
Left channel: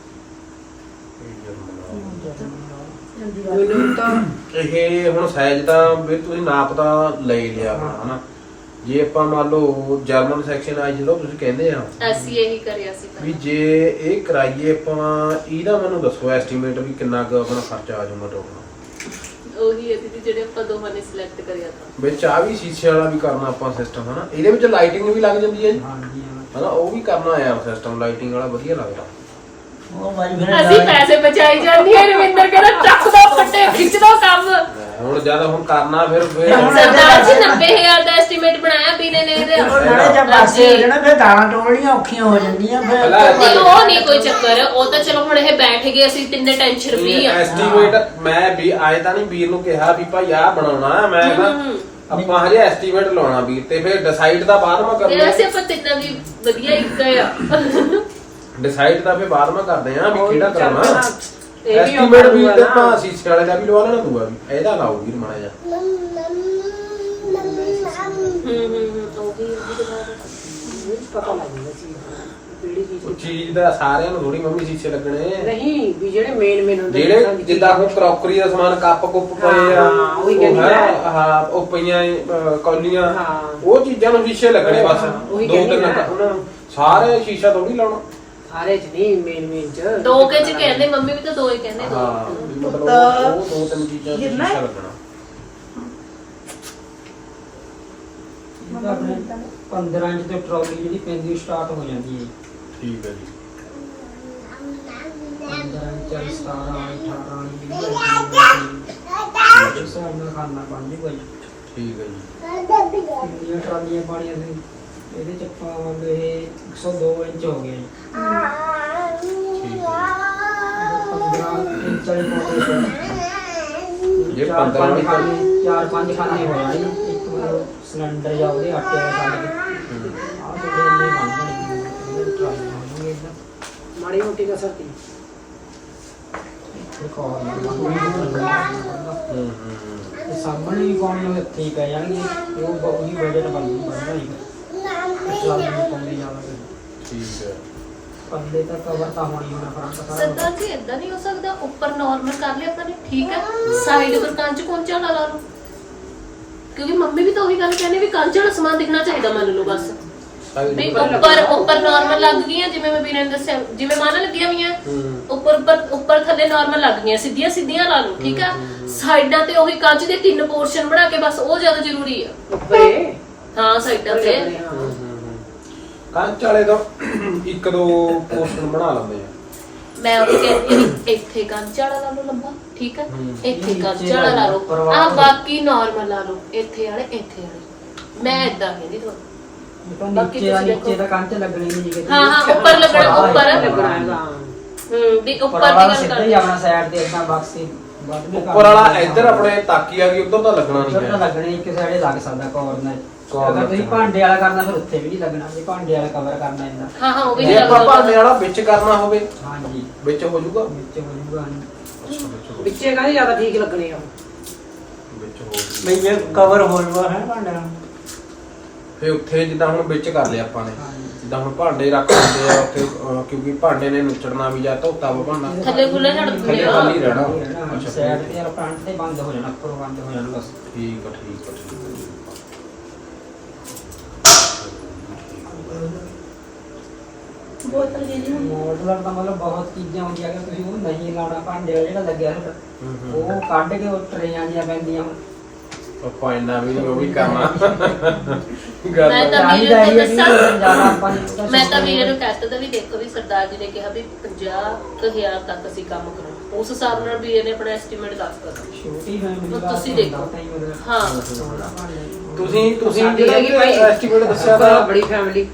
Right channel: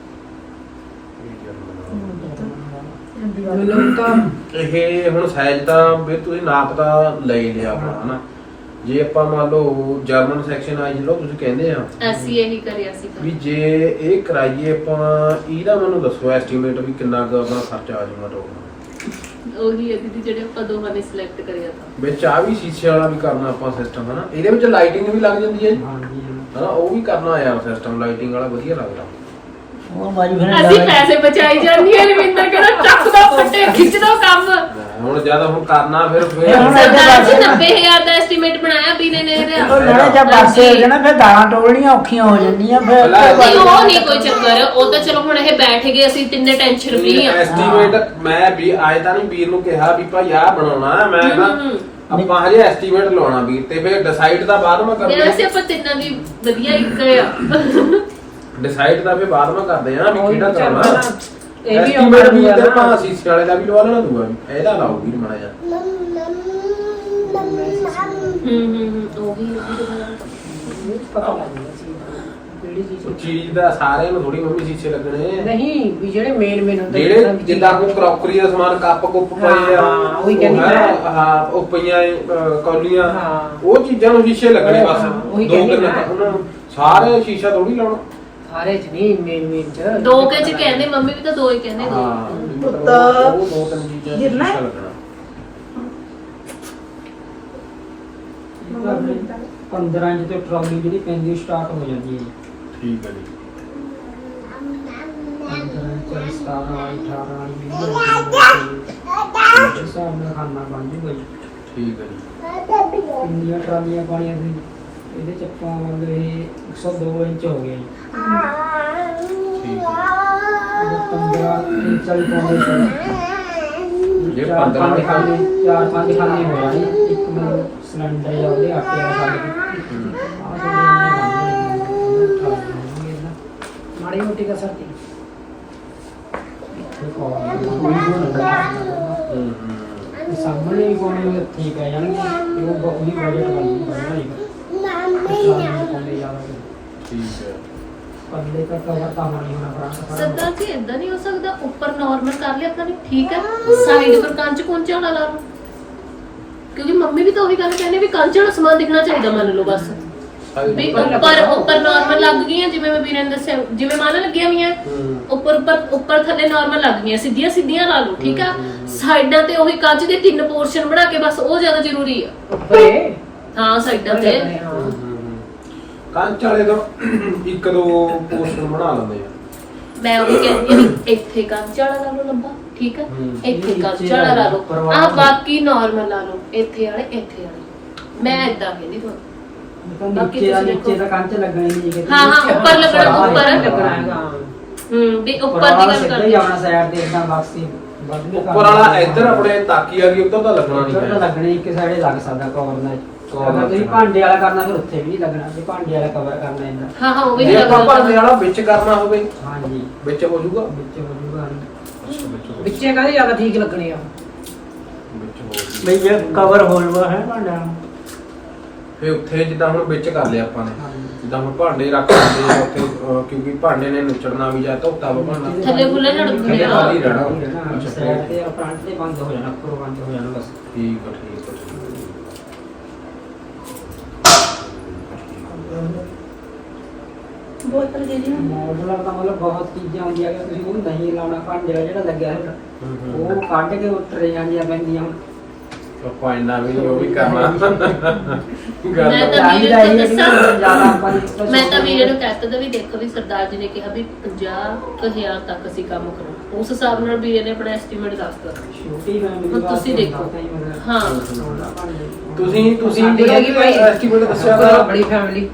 ਇਹ ਮੈਨੂੰ ਤਾਂ। ਇਹ ਹੁਣ ਸਾਈਜ਼ ਤਾਂ ਵੀ ਤੁਸੀਂ ਨਾਪ ਤਾਂ ਲੈ ਲਿਆ ਆਪਣਾ ਹਨਾ। ਜੇ ਆਪਾਂ ਮੰਨ ਲਓ ਜਰਮਨ ਸੈਕਸ਼ਨ ਆ ਜਿਹੜਾ ਤੁਸੀਂ ਕਹਿੰਦੇ ਆ ਅਸੀਂ ਇਹੀ ਕਰਿਆ ਸੀ ਵੀ ਪਹਿਲਾਂ। ਜੇ ਇਹ ਕਰਾਈਏ ਆਪਾਂ ਇਹਦਾ ਮੈਨੂੰ ਦੱਸੋ ਐਸਟੀਮੇਟ ਵੀ ਕਿੰਨਾ ਕੁ ਆਪਣਾ ਖਰਚਾ ਆ ਜਾਊਗਾ ਟੋਟਲ ਉਹੀ ਹੈ ਦੀਦੀ ਜਿਹੜੇ ਆਪਾਂ ਦੋਵਾਂ ਨੇ ਸਿਲੈਕਟ ਕਰਿਆ ਤਾਂ। ਵਿੱਚ ਆ ਵੀ ਸ਼ੀਸ਼ੇ ਵਾਲਾ ਵੀ ਕਰਨਾ ਆਪਾਂ ਸਿਸਟਮ ਹਨਾ? ਇਹਦੇ ਵਿੱਚ ਲਾਈਟਿੰਗ ਵੀ ਲੱਗ ਜਾਂਦੀ ਹੈ ਜੀ। ਹਾਂਜੀ ਹਾਂ। ਹਨਾ ਉਹ ਵੀ ਕਰਨਾ ਆ ਸਿਸਟਮ ਲਾਈਟਿੰਗ ਵਾਲਾ ਵਧੀਆ ਲੱਗਦਾ। ਉਹ ਮਾਰੀ ਫਿਰ ਅਸੀਂ ਪੈਸੇ ਬਚਾਈ ਜਾਂਦੀ ਹੈ ਰਵਿੰਦਰ ਕਹਿੰਦਾ ਚੱਕਦਾ ਫੱਟੇ ਖਿੱਚਦਾ ਕੰਮ। ਹੁਣ ਜ਼ਿਆਦਾ ਹੁਣ ਕਰਨਾ ਫਿਰ ਫਿਰ ਹੁਣ ਸਰਦਾਰ ਜੀ 90000 ਦਾ ਐਸਟੀਮੇਟ ਬਣਾਇਆ ਬੀਨੇ ਨੇ ਇਹਦੇ ਉਹ ਨਾਲੇ ਜਦ ਪਾਸੇ ਹੋ ਜਾਣਾ ਫਿਰ ਦਾਣਾ ਟੋਲਣੀਆਂ ਔਖੀਆਂ ਹੋ ਜਾਂਦੀਆਂ ਫਿਰ ਪਹਿਲਾਂ ਨਹੀਂ ਉਹ ਨਹੀਂ ਕੋਈ ਚੱਕਰ ਉਹ ਤਾਂ ਚਲੋ ਹੁਣ ਇਹ ਬੈਠ ਗਏ ਅਸੀਂ ਤਿੰਨੇ ਟੈਨਸ਼ਨ ਫ੍ਰੀ ਆ। ਐਸਟੀਮੇਟ ਮੈਂ ਵੀ ਆਏ ਤਾਂ ਨਹੀਂ ਵੀਰ ਨੂੰ ਕਿਹਾ ਵੀ ਭਾਈ ਆਹ ਬਣਾਉਣਾ ਮੈਂ ਨਾ ਆਪਾਂ ਹਜੇ ਐਸਟੀਮੇਟ ਲਾਉਣਾ ਵੀਰ ਤੇ ਫਿਰ ਡਿਸਾਈਡ ਤਾਂ ਬਾਅਦ ਮੈਂ ਯਾਰ ਕਰਨਾ ਅਸੀਂ ਆਪਾਂ ਤਿੰਨਾਂ ਦੀ ਵਧੀਆ ਇੱਕ ਆ। ਡਿਸਾਈਡ ਤਾਂ ਫਿਰ ਬਾਅਦ ਕਰਦੇ ਆ ਵੀ ਕਿਹੜਾ ਕਰਨਾ। ਇਹ ਵੀ ਐਸਟੀਮੇਟ ਵੀ ਤੇ। ਆਪਾਂ ਸੀਸੇ ਵਾਲੇ ਦਾ ਵੀ ਲਵਾ ਲੈਣਾ ਦੂਆ ਵੀ। ਇਹਦਾ ਲਾਓ ਵੀਰ ਮਾੜਾ ਜਿਹਾ। ਹੂੰ ਹੂੰ ਹੂੰ ਉਹੀ ਉਹੀ ਦੁਬਾਰਾ ਪਤਾ ਲੱਗ ਜਾਂਦਾ ਚੀਜ਼ ਦਾ, ਕਿਹੜੀ ਚੀਜ਼ ਉਹ ਚੀਜ਼ ਦਾ ਸਾਰਿਆਂ ਨੂੰ ਥੋੜੀ ਮੰਮੀ ਸੀਸੇ ਲੱਗਣੇ ਨਹੀਂ ਵੀ ਜਿਹੜੇ ਮੇਨ ਮੇਨ ਹੁੰਦੇ ਜਿਹੜੇ ਜਿੱਦਾਂ ਹੁਣ ਕਰੋਕਰੀ ਦਾ ਸਮਾਨ ਕੱਪ ਕੁੱਪ ਪਏ ਆ ਹਾਂ, ਉਹੀ ਕਹਿੰਦੀ ਉਹ ਮੈਂ। ਹੈ, ਹਾਂ ਉਹ ਪਈਆਂ ਅਹ, ਕੌਲੀਆਂ ਹਾਂ। ਉਹ ਚੀਜ਼ਾਂ ਨੂੰ ਸ਼ੀਸ਼ੇ ਲੱਗਣੇ ਬਸ। ਦੋ ਤਿੰਨ। ਉਹਨਾਂ ਨੂੰ। ਸਾਰੇ ਸ਼ੀਸ਼ਾ ਥੋੜੀ ਲਾਉਣਾ। ਸਾਰੇ ਚ ਨਹੀਂ ਮੇਨ ਮੇਨ ਚ ਦੋ ਕੇ ਚ ਕਹਿੰਦੇ ਮੰਮੀ ਵੀ ਤਾਂ ਦੋ ਹੀ ਕਹਿੰਦੇ ਦੋ। ਤਾਂ ਉਹ ਦੋ ਤਿੰਨ ਚੀਜ਼ਾਂ 'ਚ ਹੈ? ਸ਼ੀਸ਼ਾ ਲੱਗਣਾ 15 ਇੰਚ ਤੇ ਟਰਾਲੀ ਜਿਹੜੀ ਪੈਂਦੀ ਸਟਾਰਟ ਹੋ ਜਾਂਦੀ ਹੈ ਠੀਕ ਹੈ ਜੀ। 15 ਇੰਚ 17 18 20 ਇਸ ਹਿਸਾਬ ਨਾਲ ਖਾਣਾ ਬਣ ਜੂਗਾ ਜੀ। ਠੀਕ ਹੈ ਜੀ। ਇੰਡੀਆ ਟਰਾਲੀਆਂ ਪਾਣੀਆਂ ਸੀ ਇਹਦੇ ਚ ਆਪਾਂ ਮੰਨ ਲਓ ਇਹ 102 ਇੰਚ ਹੋ ਗਿਆ ਜੀ ਠੀਕ ਹੈ 15 ਇੰਚ ਵਾਲੀ ਪਾਉਂਦੇ ਸੀ ਜੇ ਚਾਰ 15 ਪੰਜ ਵਾਲੀ ਖਾਨੇ ਚਾਰ ਪੰਜ ਖਾਨੇ ਹੋ ਜਾਣੀ ਇੱਕ ਮਤਲਬ ਸਿਲੰਡਰ ਜਾਂ ਉਹਦੇ ਆਟੇ ਦਾ ਸਾਈਡ ਹੂੰ। ਆਹ ਤੇ ਜਿਹੜੇ ਬਣ ਜਾਣਗੇ ਮਾੜੀ ਮੋਟੀ ਦੀ ਇੱਕ ਹੋਰ ਹੂੰ ਹੂੰ। ਇਹ ਸਾਹਮਣੇ ਪਾਉਣੇ ਹੋਏ ਠੀਕ ਹੈ ਜਾਣਗੇ ਤੇ ਉਹ ਬ- ਉਹਦੀ ਬਜਟ ਬਣਦੀ ਬਣਨਾ ਨਹੀਂ ਚਾਰ ਨੂੰ ਪਾਉਂਦੇ ਜ਼ਿਆਦਾ ਠੀਕ ਹੈ। ਪੱਲੇ ਤਾਂ ਕਵਰ ਤਾਂ ਹੋਣੀ ਹੋਣਾ ਫਰੰਟ ਸਾਰਾ ਸਰਦਾਰ ਜੀ ਇਦਾਂ ਨਹੀਂ ਹੋ ਸਕਦਾ ਉੱਪਰ ਨਾਰਮਲ ਕਰ ਲਿਆ ਆਪਾਂ ਨੇ ਠੀਕ ਹੈ। ਸਾਈਡ ਪਰ ਕੰਚ ਕੁੰਚ ਵਾਲਾ ਲਾ ਲਓ। ਕਿਉਂਕਿ ਮੰਮੀ ਵੀ ਤਾਂ ਉਹੀ ਗੱਲ ਕਹਿੰਦੇ ਵੀ ਕੰਚ ਵਾਲਾ ਸਮਾਨ ਦਿਖਣਾ ਚਾਹੀਦਾ ਮੰਨ ਲਓ ਬਸ। ਵੀ ਉੱਪਰ ਉੱਪਰ ਨਾਰਮਲ ਲੱਗ ਗਈਆਂ ਜਿਵੇਂ ਮੈਂ ਵੀਰੇ ਨੇ ਦੱਸਿਆ ਜਿਵੇਂ ਮਾਨਾ ਲੱਗੀਆਂ ਵੀਆਂ ਉੱਪਰ ਉੱਪਰ ਉੱਪਰ ਥੱਲੇ ਨਾਰਮਲ ਲੱਗ ਗਈਆਂ ਸਿੱਧੀਆਂ ਸਿੱਧੀਆਂ ਲਾ ਲਓ ਠੀਕ ਆ ਸਾਈਡਾਂ ਤੇ ਉਹੀ ਕੰਚ ਦੇ ਤਿੰਨ ਪੋਰਸ਼ਨ ਬਣਾ ਕੇ ਬਸ ਉਹ ਜ਼ਿਆਦਾ ਜ਼ਰੂਰੀ ਆ। ਉੱਪਰੇ? ਹਾਂ ਸਾਈਡਾਂ ਤੇ। ਹਾਂ ਕੰਚ ਵਾਲੇ ਤੋਂ ਇੱਕ ਦੋ ਪੋਸਟਰ ਬਣਾ ਲੈਂਦੇ ਆ। ਮੈਂ ਉਹ ਕਹਿੰਦੀ ਆ ਵੀ ਇੱਥੇ ਕੰਚ ਵਾਲਾ ਲਾ ਲਓ ਲੰਬਾ ਠੀਕ ਹੂੰ। ਇੱਥੇ ਕੰਚ ਨੀਚੇ ਵਾਲਾ ਲਾ ਲਓ। ਆ। ਬਾਕੀ ਨਾਰਮਲ ਲਾ ਲਓ ਇੱਥੇ ਵਾਲੇ ਇੱਥੇ ਵਾਲੇ। ਮੈਂ ਇਦਾਂ ਕਹਿੰਦੀ ਤੁਹਾਨੂੰ। ਤਾਂ ਬਾਕੀ ਨੀਚੇ ਦਾ ਤੁਸੀਂ ਨੀਚੇ ਦਾ ਕੰਚ ਲੱਗਣੇ ਨਹੀਂ ਕਿਤੇ ਹਾਂ, ਹਾਂ, ਉੱਪਰ ਲੱਗਣਾ, ਉੱਪਰ ਲੱਗਣਾ ਹੈਗਾ। ਹੂੰ ਵੀ ਉੱਪਰ ਦੀ ਗੱਲ ਕਰਦੇ ਹੀ ਆਪਣਾ ਸਾਈਡ ਤੇ ਇਦਾਂ ਬਾਕਸ ਉੱਪਰ ਵਾਲਾ ਇੱਧਰ ਆਪਣੇ ਤਾਕੀ ਆ ਗਈ ਉੱਧਰ ਤਾਂ ਲੱਗਣਾ ਨਹੀਂ ਉੱਧਰ ਤਾਂ ਹੈ ਲੱਗਣੇ ਇੱਕ ਸਾਈਡੇ ਲੱਗ ਸਕਦਾ ਕਵਰ ਨਾਲ। Cover ਅਗਰ ਤੁਸੀਂ ਲੱਗਣਾ। ਭਾਂਡੇ ਵਾਲਾ ਕਰਨਾ ਫਿਰ ਉੱਥੇ ਵੀ ਨਹੀਂ ਲੱਗਣਾ। ਜੇ ਭਾਂਡੇ ਵਾਲਾ ਕਵਰ ਕਰਨਾ ਇਹਦਾ ਹਾਂ ਹਾਂ ਉਹ ਵੀ ਜੇ ਨਹੀਂ ਆਪਾਂ ਭਾਂਡੇ ਲੱਗਦਾ ਵਾਲਾ ਵਿੱਚ ਕਰਨਾ ਹੋਵੇ। ਹਾਂਜੀ। ਵਿੱਚ ਹੋ ਜਾਊਗਾ? ਵਿੱਚ ਹੋ ਜੂਗਾ ਅੱਛਾ ਵਿੱਚ ਹੋ ਵਿੱਚੇ ਕਾਹਦੇ ਜ਼ਿਆਦਾ ਠੀਕ ਲੱਗਣੇ ਆ? ਵਿੱਚ ਹੋ ਜਾਊਗਾ। ਬਈ ਜੇ ਕਵਰ ਹੋਲਵਾ ਹੈ ਭਾਂਡਾ? ਫਿਰ ਉੱਥੇ ਜਿੱਦਾਂ ਹੁਣ ਵਿੱਚ ਕਰ ਲਿਆ ਆਪਾਂ ਨੇ। ਜਿੱਦਾਂ ਹੁਣ ਭਾਂਡੇ ਰੱਖ ਦਿੰਦੇ ਆ ਉੱਥੇ ਅਹ, ਕਿਉਂਕਿ ਭਾਂਡੇ ਨੇ ਨੁਚੜਨਾ ਵੀ ਜਾਂ ਧੋਤਾ ਵਾ ਭਾਂਡਾ। ਥੱਲੇ ਖੁੱਲੇ ਨੜਕਦੇ ਥੱਲੇ ਆ। ਖਾਲੀ ਰਹਿਣਾ। ਅੱਛਾ ਸਾਈਡ ਠੀਕ। ਤੇ ਯਾਰ ਫਰੰਟ ਤੇ ਬੰਦ ਹੋ ਜਾਣਾ ਉੱਪਰੋਂ ਬੰਦ ਹੋ ਜਾਣਾ ਬਸ। ਠੀਕ ਆ ਠੀਕ ਆ ਠੀਕ ਆ। ਬੋਤਲ ਦੇ ਦਿਓ ਮੋਡਲਰ ਦਾ ਮਤਲਬ ਬਹੁਤ ਚੀਜ਼ਾਂ ਹੁੰਦੀਆਂ ਕਿ ਤੁਸੀਂ ਉਹ ਨਹੀਂ ਲਾਉਣਾ ਭਾਂਡੇ ਦਾ ਜਿਹੜਾ ਲੱਗਿਆ ਹੋਇਆ ਉਹ ਕੱਢ ਕੇ ਉਹ ਟਰੇਆਂ ਦੀਆਂ ਪੈਂਦੀਆਂ। ਆਪਾਂ ਇੰਨਾ ਵੀ ਉਹ ਵੀ ਕਰਨਾ। ਮੈਂ ਤਾਂ ਵੀਰੇ ਨੂੰ ਦੱਸਾਂ। ਜ਼ਿਆਦਾ ਆਪਾਂ ਨੇ ਮੈਂ ਤਾਂ ਵੀਰੇ ਨੂੰ ਕਹਿਤਾ ਤਾਂ ਵੀ ਦੇਖੋ ਵੀ ਸਰਦਾਰ ਜੀ ਨੇ ਕਿਹਾ ਵੀ 50000 ਤੱਕ ਅਸੀਂ ਕੰਮ ਕਰੋ। ਉਸ ਹਿਸਾਬ ਨਾਲ ਵੀਰੇ ਨੇ ਆਪਣਾ ਐਸਟੀਮੇਟ ਦੱਸਤਾ ਹੁਣ ਤੁਸੀਂ ਦੇਖੋ। ਹਾਂ ਤੁਸੀਂ ਤੁਸੀਂ। ਐਸਟੀਮੇਟ ਦੱਸਿਆ ਦਾ ਬੜੀ ਫੈਮਿਲੀ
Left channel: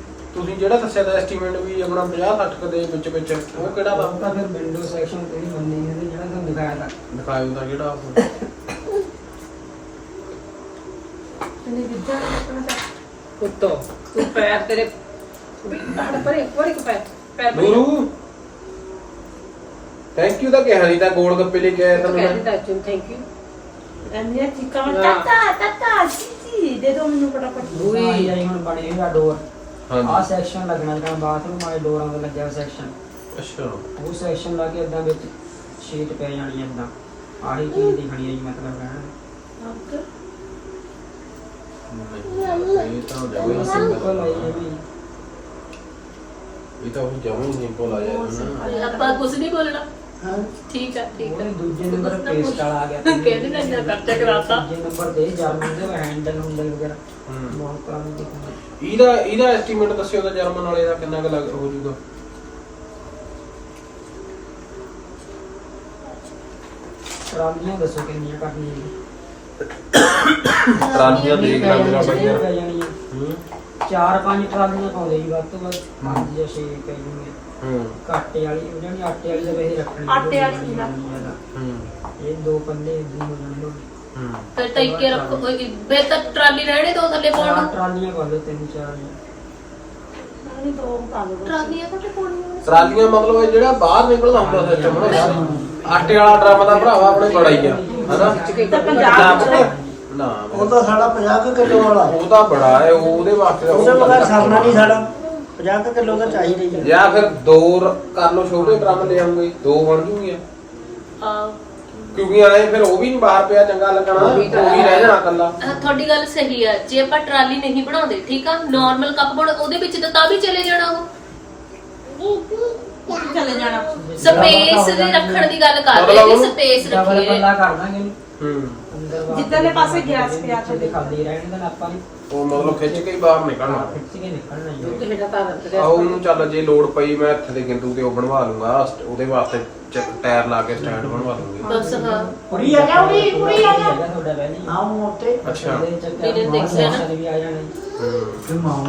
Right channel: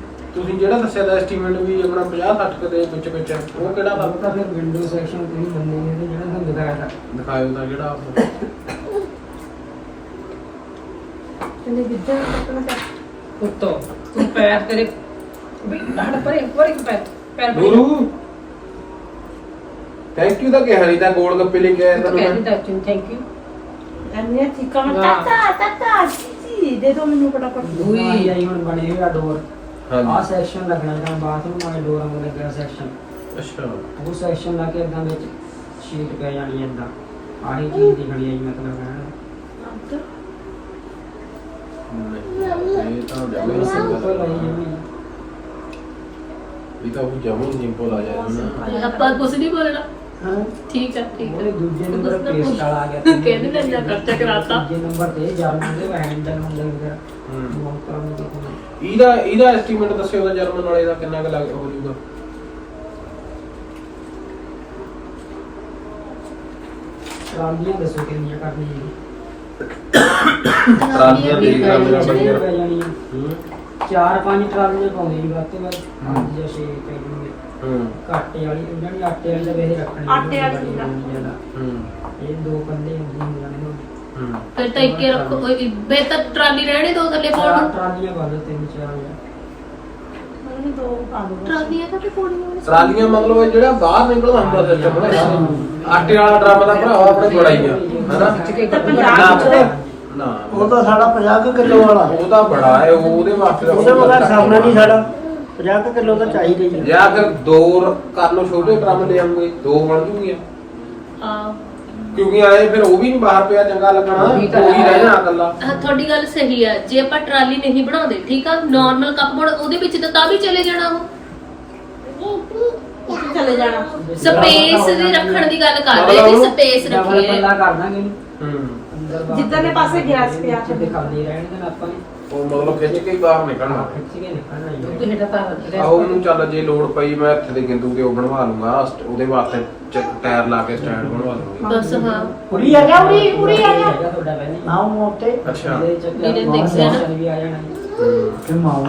ਤੁਸੀਂ ਜਿਹੜਾ ਦੱਸਿਆ ਦਾ ਐਸਟੀਮੇਟ ਵੀ ਆਪਣਾ 50 60 ਦੇ ਵਿੱਚ ਵਿੱਚ ਉਹ ਕਿਹੜਾ ਵਾ? ਤਾਂ ਫਿਰ ਵਿੰਡੋ ਸੈਕਸ਼ਨ ਤੁਸੀਂ ਮੰਨੇ ਨਹੀਂ ਜਿਹੜਾ ਤੁਹਾਨੂੰ ਦਿਖਾਇਆ ਤਾਂ। ਦਿਖਾਇਓ ਦਾ ਕਿਹੜਾ ਉਹ। ਇਹਨੇ ਵਿਦਿਆ ਕੱਟਣਾ ਚਾਹ ਉੱਤੋਂ ਤੂੰ ਪੈਰ ਤੇਰੇ ਵੀ ਹੜ ਪਰੇ ਉੱਪਰ ਇੱਕ ਪੈਰ ਪੈਰ ਪਰੇ। ਥੈਂਕ ਯੂ ਤਾਂ ਕਿਹਾ ਨਹੀਂ ਤਾਂ ਗੋਲ ਗੱਪੇ ਲੈ ਕੇ ਆਇਆ ਤੂੰ ਤਾਂ ਮੈਂ। ਦਿੱਤਾ ਚੁੰ ਥੈਂਕ ਯੂ ਐਨੇ ਚੀਕਾ ਮੈਂ ਵਾਹ। ਤੱਤਾ ਤੱਤਾ ਜੀ ਦੇ ਦੋ ਮੈਨੂੰ ਫਟਾਫਟ। ਦੂਈ ਆਈ ਹੁਣ ਬਣੇ ਹੋਇਆ ਡੋਰ। ਆਹ ਹਾਂਜੀ ਸੈਕਸ਼ਨ ਲੱਗਣਾ ਜਿਹੜਾ ਬਾਥਰੂਮ ਵਾਲੇ ਡੋਰਾਂ ਦਾ ਲੱਗਿਆ ਸੈਕਸ਼ਨ ਅੱਛਾ। ਉਹ ਸੈਕਸ਼ਨ ਲਾ ਕੇ ਇਦਾਂ ਵਿੱਚ ਸ਼ੀਟ ਪੈ ਜਾਣੀ ਹੈ ਇਦਾਂ ਆਹੀ ਚੀਜ਼ ਦਿਖਣੀ ਹੈ ਜੀ ਮਤਲਬ ਕਹਿਣਾ ਨਹੀਂ, ਇਹ ਤਾਂ ਜਮੀ ਹੈ ਸਿੰਪਲ ਇਹ ਵੀ ਇਹ ਤਾਂ ਉਹ ਜਮੀ ਸਿੰਪਲ ਆ ਜਾਂਦਾ ਨਾ ਆਪਾਂ ਕੁਝ ਨਹੀਂ ਬੋਲਣਾ। ਹਾਂ। ਠੀਕ ਆ ਠੀਕ ਆ। ਦੂਜੇ ਨੰਬਰ ਨਾ ਪੇਸਟ। ਵਾਲਾ ਆ ਗਿਆ। ਕਹਿੰਦੇ ਨਾ ਇੰਨਾ ਖਰਚਾ ਕਰਾਤਾ? ਦੂਜੇ ਨੰਬਰ ਤੇ ਜਰਮਨ ਦੇ ਹੈਂਡਲ ਹੁੰਦਲ ਵਗੈਰਾ ਹੂੰ। ਬਹੁਤ ਕੰਮ ਦੇਖਣਾ ਇਹਦਾ ਇਹਦਾ ਐਸਟੀਮੇਟ ਦੱਸਿਓ ਦਾ ਜਰਮਨ ਵਾਲੇ ਦਾ ਕਿੰਨਾ ਕੁ ਲੱਗ ਹੋ ਜਾਊਗਾ। ਟਰਾਲੀਆਂ ਦੱਸੋ ਕਿੰਨੀਆਂ ਕਰਨੀਆਂ ਟਰਾਲੀਆਂ ਦੇਖ ਲਾ ਮੇਰਾ ਕਿੰਨੀਆਂ ਬੜੀਆਂ ਪੈ ਜਾਣੀਆਂ। ਹੂੰ। ਚਾਰ ਪੰਜ ਟਰਾਲੀਆਂ ਪਾਉਂਦੇ ਜੀ ਵੱਧ ਤੋਂ ਵੱਧ ਪੰਜ ਜਾਂ ਛੇ ਪੈ ਜੂਗੇ ਹੂੰ। ਆਟੇ ਵਾਲੀ ਜਿਹੜੀ ਆਟੇ ਵਾਲੀ ਦਾ ਵੇਹ ਰੱਖਣੀ ਆਟੇ ਵਾਲੀ ਬੜੀ ਨਾ। ਹੋਣੀ ਜ਼ਿਆਦਾ। ਹੂੰ। ਇਹ ਦੋ ਪੱਲੇ ਹੁੰਦੀਆਂ ਹੋ ਜਾਣਗੇ ਹੂੰ। ਫਿਰ ਤਾਂ ਇੱਕੇ ਰੱਖੋ ਤਾਂ ਟਰਾਲੀ ਰਹਿਣੇ ਦੋ ਥੱਲੇ ਪਾਉਣ ਚਾਰ ਨੂੰ ਟਰਾਲੀਆਂ ਪਾ ਦਿਓ ਤਿੰਨ ਚਾਰ। ਮੈਨੂੰ ਦੋ ਪਾ ਦੋ ਟਰਾਲੀਆਂ ਤਾਂ ਤੇ ਪਾਉਣੀਆਂ ਨੇ। ਟਰਾਲੀਆਂ ਮਤਲਬ ਇਹ ਜਿਹੜਾ ਬਾਹਰ ਨਿਕਲਦਾ ਹੁੰਦਾ ਸਿਸਟਮ ਆਟੇ ਵਾਲਾ ਡਰਮ ਦਾ ਭਰਾਵਾ ਆਪਣੇ ਬੜਾ ਹੀ ਆ ਹਨਾ? ਤਾਂ ਪੰਜਾਬ ਚ ਨਾ ਉਹ ਤਾਂ ਸਾਡਾ 50 ਕਿਲੋ ਵਾਲਾ। ਉਹ ਤਾਂ ਬੜਾ ਹੈ ਉਹ- ਉਹਦੇ ਵਾਸਤੇ ਤਾਂ ਉਹਦੇ ਬਗੈਰ ਸਰਨਾ ਨਹੀਂ ਸਾਡਾ। 50 ਕਿਲੋ ਤਾਂ ਚਾਹੀਦਾ ਹੀ ਆ। ਜਾਂ ਫਿਰ ਦੋ ਰ- ਕਰ ਲਓ ਛੋਟੇ ਡਰਮ ਲੈ ਆਉਂਗੇ ਦੋ ਬਣ ਜੂਗੀਆਂ। ਕਿਉਂਕਿ ਆਏ ਫਿਰ ਉਹ ਵੀ ਨਹੀਂ ਬਾਹਰ ਪਿਆ ਚੰਗਾ ਲੱਗਣਾ। ਉਹ ਉਹੀ ਤਾਂ ਹੀ। ਰਹਿ ਜਾਣਾ ਇਕੱਲਾ। ਆਹ ਤੁਹਾਡੀ ਗੱਲ ਸਹੀ ਆ। ਜੇ ਆਪਾਂ ਟਰਾਲੀ ਨਹੀਂ ਬਣਾਉਂਦੇ ਠੀਕ ਆ? ਨਾਰਮਲ ਕੱਪ ਬੋਰਡ ਉਹਦੇ ਵਿੱਚ ਤਾਂ ਤਾਂ ਵੀ ਚਲੇ ਜਾਣਾ ਉਹ। ਚਲੇ ਜਾਣਾ। ਸਪੇਸ ਦੀ ਰੱਖਣ ਦੀ ਗੱਲ ਕਰ ਰਹੇ ਵੀ ਸਪੇਸ ਡਬਲ ਰੱਖੀਏ। ਪੱਲਾ ਕਰ ਦਾਂਗੇ ਹੂੰ। ਬਾਹਰ ਜਿੱਧਰਲੇ ਪਾਸੇ ਗੈਸ ਪਿਆ ਤੇ ਖਾਲੀ ਰਹਿਣ ਦੇਣਾ ਆਪਾਂ ਨੇ ਉਹ ਮਤਲਬ ਖਿੱਚ ਕੇ ਹੀ ਬਾਹਰ ਨਿਕਲਣਾ ਖਿੱਚ ਕੇ ਨਿਕਲਣਾ ਹੀ ਤੂੰ ਹੈ। ਤੇ ਹੇਠਾਂ ਤਾਂ ਆਹੋ ਉਹਨੂੰ ਚੱਲ ਜੇ ਲੋੜ ਪਈ ਮੈਂ ਇੱਥੇ ਦੇ ਗਿੰਦੂ ਤੇ ਉਹ ਬਣਵਾ ਲੂੰਗਾ ਉਹਦੇ ਵਾਸਤੇ ਟਾਇਰ ਲਾ ਕੇ ਸਟੈਂਡ ਬਣਵਾ ਲੂੰਗਾ ਬਸ ਹਾਂ ਉਰੀ ਆ ਜਾ ਉਰੀ ਉਰੀ ਆ ਜਾ ਹੈਗਾ ਤੁਹਾਡਾ ਪਹਿਲੇ। ਆਉਂ ਉੱਤੇ ਅੱਛਾ ਮਾਊਸ ਦੇਖਿਆ ਨਾ। ਵੀ ਆ ਜਾਣਾ ਜੀ। ਹੂੰ। ਕਿ ਮਾਉਂ